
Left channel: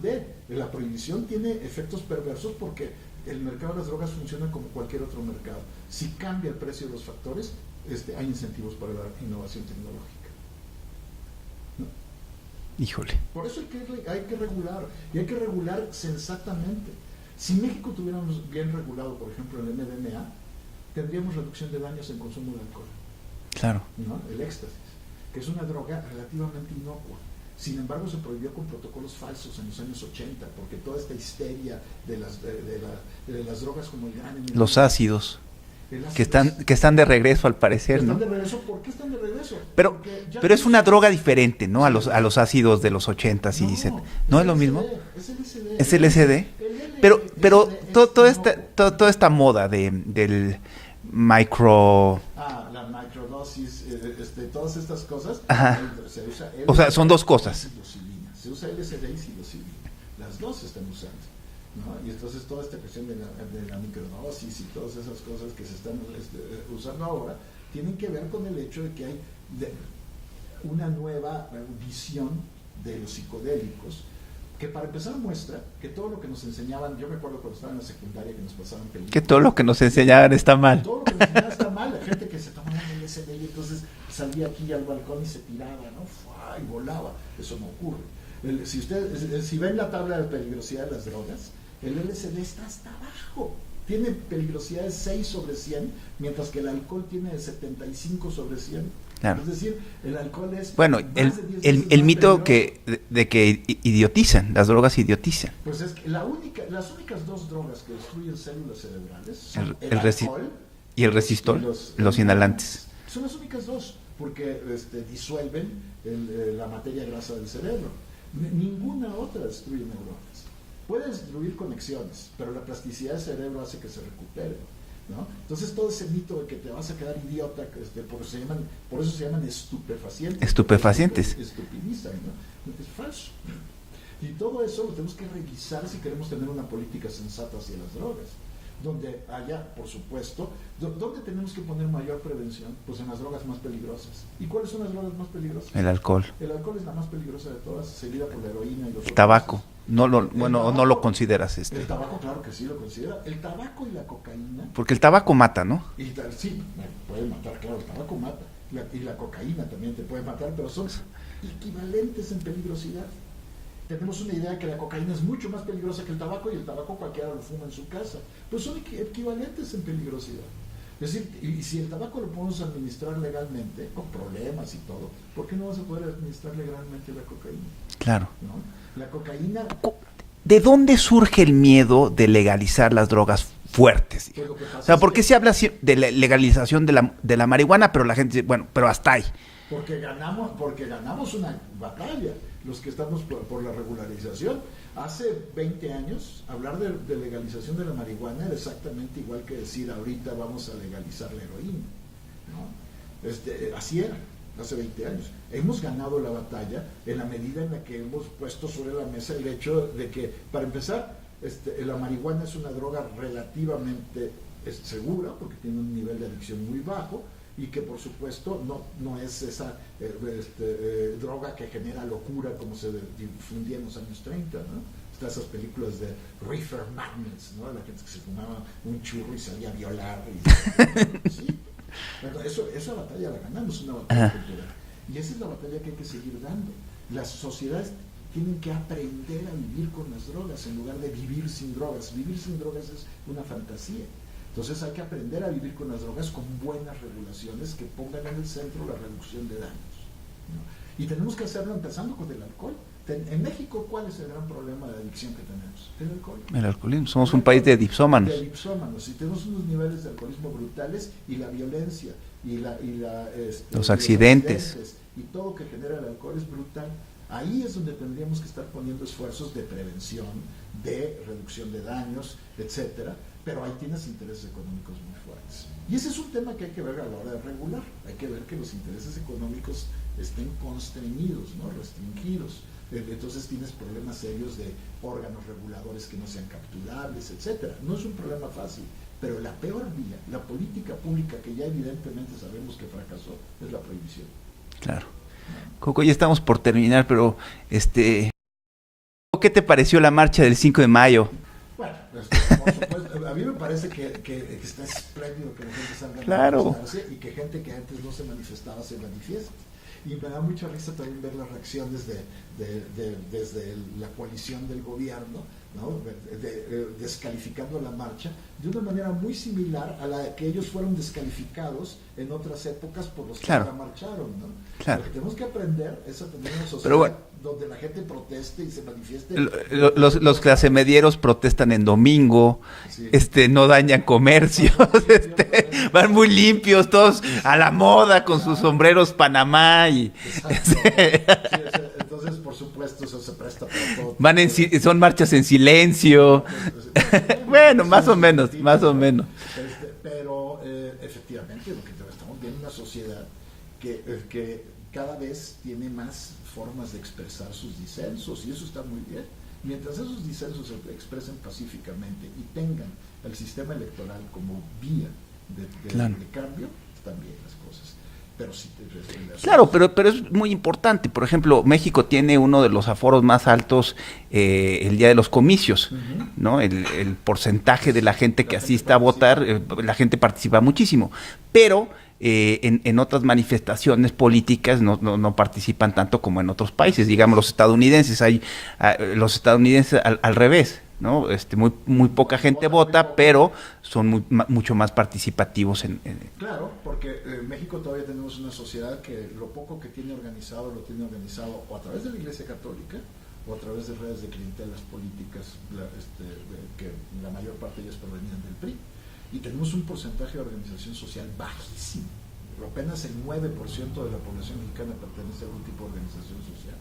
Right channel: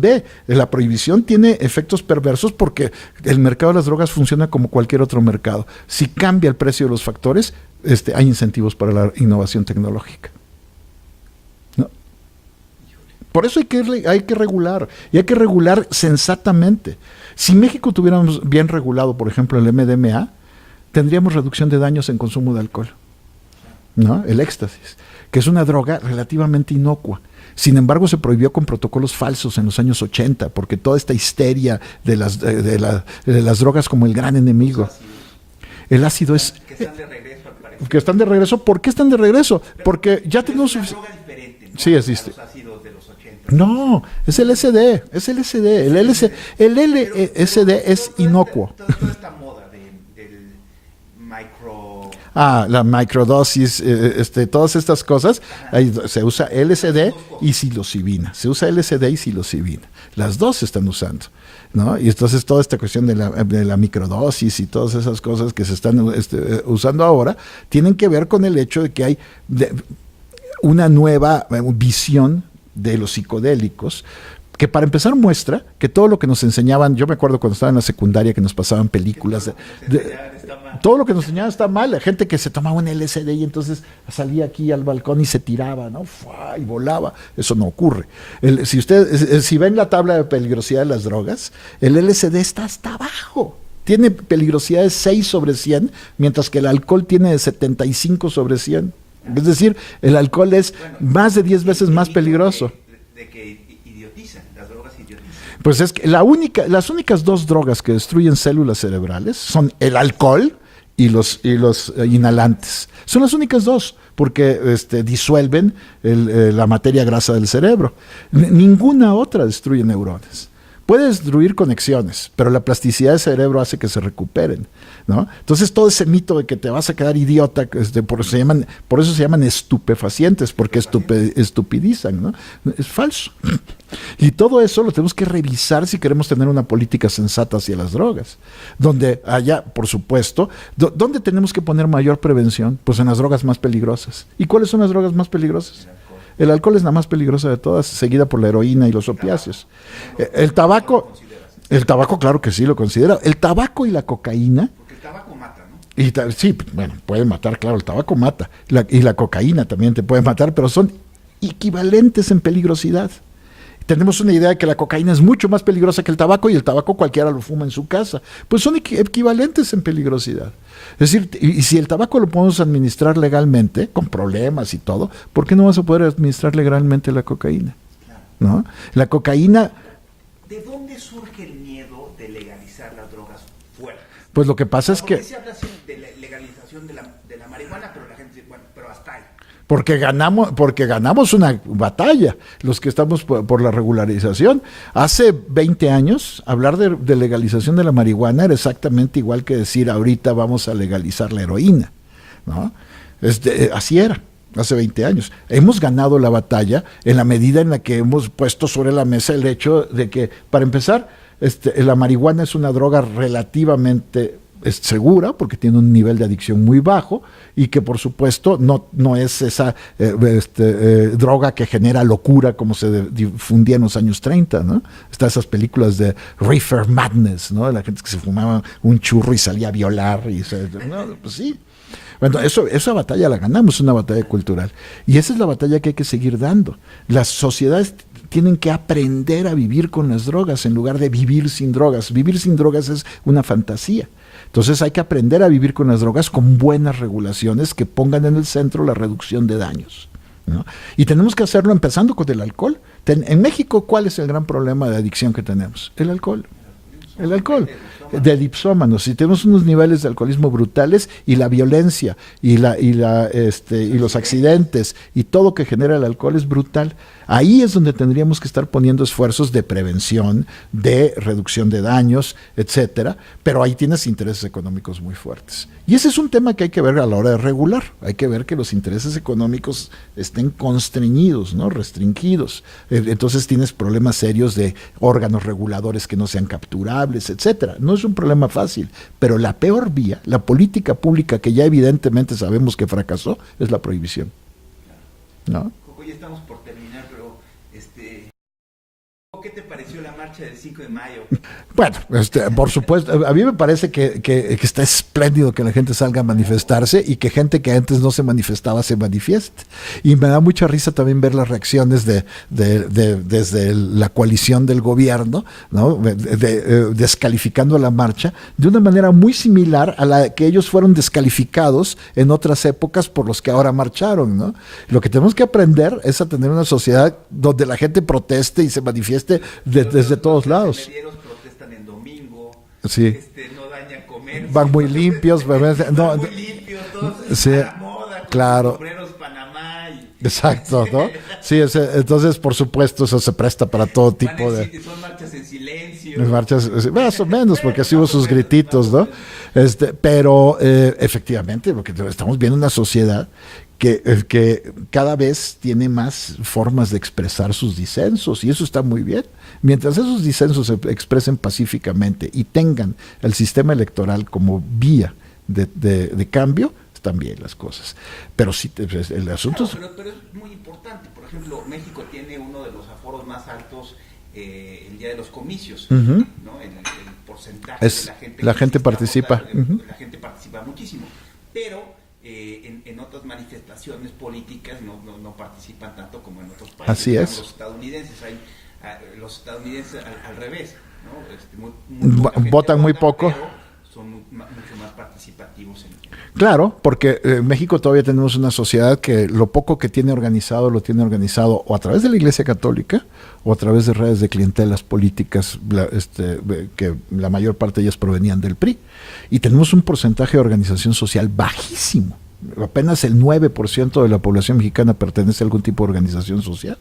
la prohibición tiene efectos perversos porque el mercado de las drogas funciona como cualquier otro mercado. Si cambia el precio de los factores, hay incentivos para la innovación tecnológica. Híjole. Por eso hay que regular, y hay que regular sensatamente. Si México tuviéramos bien regulado, por ejemplo, el MDMA, tendríamos reducción de daños en consumo de alcohol. Claro. ¿No? El éxtasis, que es una droga relativamente inocua. Sin embargo, se prohibió con protocolos falsos en los años 80, porque toda esta histeria de las drogas como el gran enemigo. Los ácidos. El ácido que están de regreso, al parecer. Que están de regreso. ¿Por qué están de regreso? Porque pero es una droga diferente, ¿no? Sí, a los ácidos de los 80. No, es el LSD. Es el LSD. El LSD es inocuo. Toda esta moda del micro... La microdosis, todas estas cosas, ahí se usa LSD, o sea, son dos cosas. Y psilocibina. Se usa LSD y psilocibina. Las dos se están usando, ¿no? Y entonces toda esta cuestión de la microdosis y todas esas cosas que se están usando ahora tienen que ver con el hecho de que hay una nueva visión de los psicodélicos, que para empezar muestra que todo lo que nos enseñaban, yo me acuerdo cuando estaba en la secundaria que nos pasaban películas. Que todo lo que nos enseñaban está mal. Todo lo que nos enseñaban está mal. La gente que se tomaba un LSD y entonces salía aquí al balcón y se tiraba, ¿no? Y volaba. Eso no ocurre. Si ven la tabla de peligrosidad de las drogas, el LSD está hasta abajo. Tiene peligrosidad de 6 sobre 100, mientras que el alcohol tiene de 75 sobre 100. Claro. Es decir, el alcohol es más de 10 veces más peligroso. De que idiotizan, las drogas idiotizan. Pues es que las únicas dos drogas que destruyen células cerebrales son el alcohol y los inhalantes. Son las únicas dos, porque disuelven la materia grasa del cerebro. Ninguna otra destruye neuronas. Puede destruir conexiones, pero la plasticidad del cerebro hace que se recuperen, ¿no? Entonces todo ese mito de que te vas a quedar idiota, por eso se llaman estupefacientes, porque estupidizan, ¿no? Es falso. Y todo eso lo tenemos que revisar si queremos tener una política sensata hacia las drogas. Donde haya, por supuesto, ¿dónde tenemos que poner mayor prevención? Pues en las drogas más peligrosas. ¿Y cuáles son las drogas más peligrosas? El alcohol. El alcohol es la más peligrosa de todas, seguida por la heroína y los opiáceos. No lo consideras. El tabaco, claro que sí lo considera. El tabaco y la cocaína. Porque el tabaco mata, ¿no? Sí, bueno, puede matar, claro, el tabaco mata. Y la cocaína también te puede matar, pero son equivalentes en peligrosidad. Tenemos una idea de que la cocaína es mucho más peligrosa que el tabaco, y el tabaco cualquiera lo fuma en su casa. Pues son equivalentes en peligrosidad. Es decir, y si el tabaco lo podemos administrar legalmente, con problemas y todo, ¿por qué no vas a poder administrar legalmente la cocaína? Claro. ¿No? La cocaína... ¿De dónde surge el miedo de legalizar las drogas fuertes? Pues lo que pasa es que... ¿por qué se habla de la legalización de la marihuana, pero la gente dice, bueno, pero hasta ahí? Porque ganamos una batalla, los que estamos por la regularización. Hace 20 años, hablar de legalización de la marihuana era exactamente igual que decir ahorita vamos a legalizar la heroína, ¿no? Así era, hace 20 años. Hemos ganado la batalla en la medida en la que hemos puesto sobre la mesa el hecho de que, para empezar, la marihuana es una droga relativamente segura, porque tiene un nivel de adicción muy bajo, y que por supuesto no es esa droga que genera locura como se difundía en los años 30, ¿no? Están esas películas de Reefer Madness, ¿no? La gente que se fumaba un churro y salía a violar. ¿no? Pues sí. Bueno, esa batalla la ganamos, una batalla cultural. Y esa es la batalla que hay que seguir dando. Las sociedades tienen que aprender a vivir con las drogas en lugar de vivir sin drogas. Vivir sin drogas es una fantasía. Entonces hay que aprender a vivir con las drogas con buenas regulaciones que pongan en el centro la reducción de daños, ¿no? Y tenemos que hacerlo empezando con el alcohol. En México, ¿cuál es el gran problema de adicción que tenemos? El alcohol. El alcoholismo. Somos un país de dipsómanos. De dipsómanos. Y tenemos unos niveles de alcoholismo brutales, y la violencia y los accidentes y todo que genera el alcohol es brutal. Ahí es donde tendríamos que estar poniendo esfuerzos de prevención, de reducción de daños, etcétera, pero ahí tienes intereses económicos muy fuertes. Y ese es un tema que hay que ver a la hora de regular. Hay que ver que los intereses económicos estén constreñidos, ¿no? Restringidos. Entonces tienes problemas serios de órganos reguladores que no sean capturables, etcétera. No es un problema fácil, pero la peor vía, la política pública que ya evidentemente sabemos que fracasó, es la prohibición. Claro. ¿No? Coco, ya estamos por terminar, pero ¿qué te pareció la marcha del 5 de mayo? Bueno, por supuesto, a mí me parece que está espléndido que la gente salga a manifestarse, y que gente que antes no se manifestaba se manifieste. Y me da mucha risa también ver las reacciones desde la coalición del gobierno, ¿no? Descalificando la marcha de una manera muy similar a la que ellos fueron descalificados en otras épocas por los que ahora marcharon, ¿no? Lo que tenemos que aprender es a tener una sociedad donde la gente proteste y se manifieste los clasemedieros protestan pasan en domingo, Sí. No dañan comercio. Van muy limpios. Van muy limpios, todos Sí, a la moda, con claro. sus sombreros Panamá. Exacto, ¿no? Sí, entonces, por supuesto, eso se presta para todo tipo Son marchas en silencio. Marchas, más o menos, Bueno, porque hacemos más o sus menos, grititos, más o ¿no? menos. Pero efectivamente, porque estamos viendo una sociedad que cada vez tiene más formas de expresar sus disensos, y eso está muy bien. Mientras esos disensos se expresen pacíficamente y tengan el sistema electoral como vía de cambio, están bien las cosas. Pero sí, el asunto... Claro, pero es muy importante. Por ejemplo, México tiene uno de los aforos más altos el día de los comicios, ¿no? El porcentaje de la gente que asiste a votar, la gente participa muchísimo. Pero en otras manifestaciones políticas no participan tanto como en otros países. Así digamos, es. los estadounidenses al revés, ¿no? Muy poca gente Vota muy vota, poco. pero son mucho más participativos Claro, porque en México todavía tenemos una sociedad que lo poco que tiene organizado, lo tiene organizado o a través de la Iglesia Católica o a través de redes de clientelas políticas, que la mayor parte de ellas provenían del PRI. Y tenemos un porcentaje de organización social bajísimo. Apenas el 9% de la población mexicana pertenece a algún tipo de organización social.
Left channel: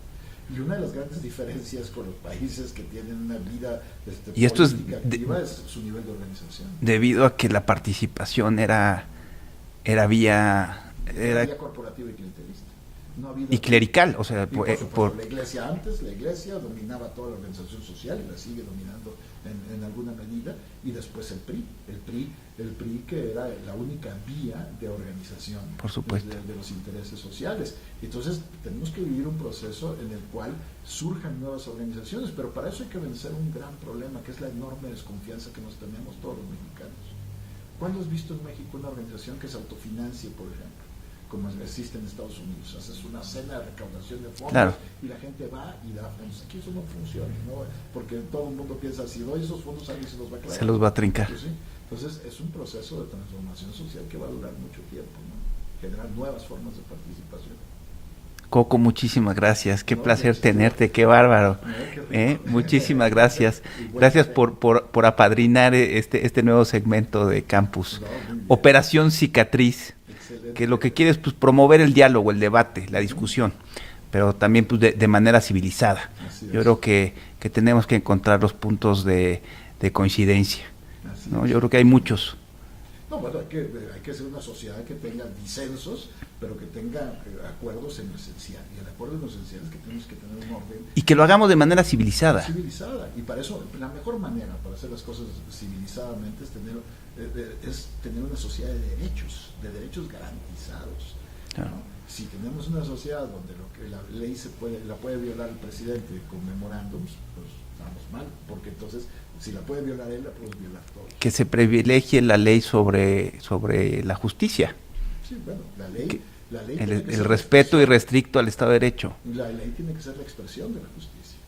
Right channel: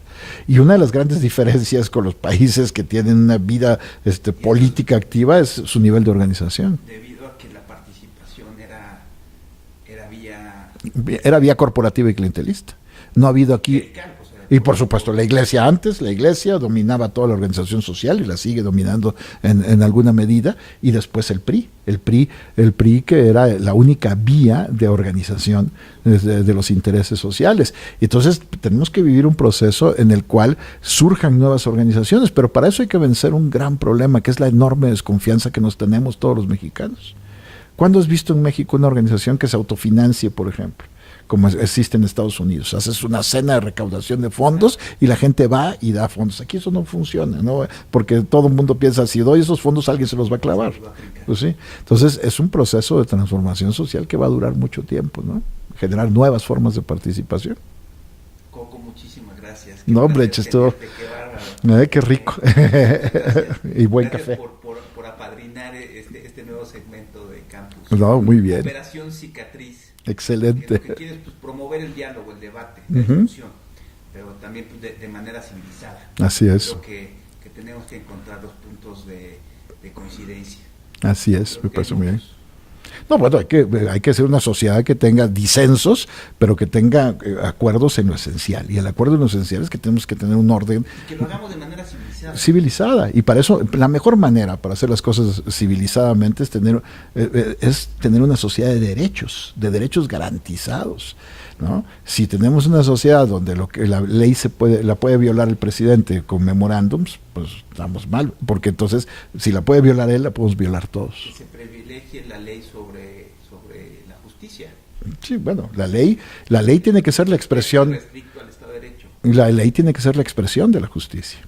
Y una de las grandes diferencias con los países que tienen una vida política activa es su nivel de organización. Debido a que la participación era vía corporativa y clientelista. No ha habido aquí. Clerical, o sea. Y por supuesto, la iglesia dominaba toda la organización social y la sigue dominando en alguna medida, y después el PRI. El PRI que era la única vía de organización de los intereses sociales. Entonces, tenemos que vivir un proceso en el cual surjan nuevas organizaciones, pero para eso hay que vencer un gran problema, que es la enorme desconfianza que nos tenemos todos los mexicanos. ¿Cuándo has visto en México una organización que se autofinancie, por ejemplo, como existe en Estados Unidos? Haces una cena de recaudación de fondos, claro, y la gente va y da fondos. Aquí eso no funciona, ¿no? Porque todo el mundo piensa, si doy esos fondos, alguien se los va a clavar. Se los va a trincar. Pues sí. Entonces, es un proceso de transformación social que va a durar mucho tiempo, ¿no? Generar nuevas formas de participación. Coco, muchísimas gracias. Qué placer tenerte, qué bárbaro. Qué rico. Muchísimas gracias. Gracias café. por apadrinar este nuevo segmento de Campus. No, muy bien. Operación Cicatriz. Excelente. Que lo que quiere es promover el diálogo, el debate, la discusión, pero también de manera civilizada. Así es. Yo creo que tenemos que encontrar los puntos de coincidencia. Así es. Yo creo que hay muchos. No, bueno, hay que ser una sociedad que tenga disensos, pero que tenga acuerdos en lo esencial. Y el acuerdo en lo esencial es que tenemos que tener un orden. Y que lo hagamos de manera civilizada. Civilizada. Y para eso, la mejor manera para hacer las cosas civilizadamente es tener una sociedad de derechos garantizados, ¿no? Si tenemos una sociedad donde lo que la ley la puede violar el presidente con memorándums, pues estamos mal, porque entonces si la puede violar él, la podemos violar todos. Que se privilegie la ley sobre la justicia. Sí, bueno, la ley tiene que ser la expresión. El respeto irrestricto al Estado de Derecho. La ley tiene que ser la expresión de la justicia,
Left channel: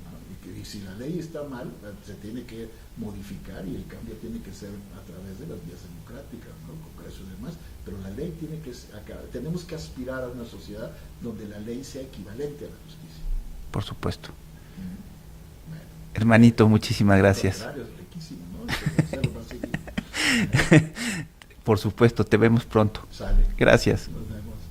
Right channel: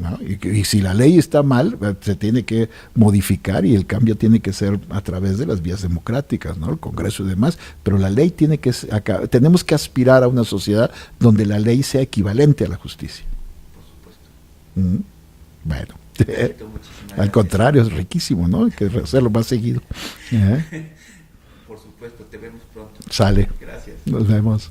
¿no? Y si la ley está mal, se tiene que modificar, y el cambio tiene que ser a través de las vías democráticas, ¿no? El Congreso y demás, pero la ley tenemos que aspirar a una sociedad donde la ley sea equivalente a la justicia. Por supuesto. Bueno. Hermanito, muchísimas gracias. Al contrario, es riquísimo, ¿no? Hay que hacerlo más seguido. Por supuesto, te vemos pronto. Sale. Gracias. Nos vemos.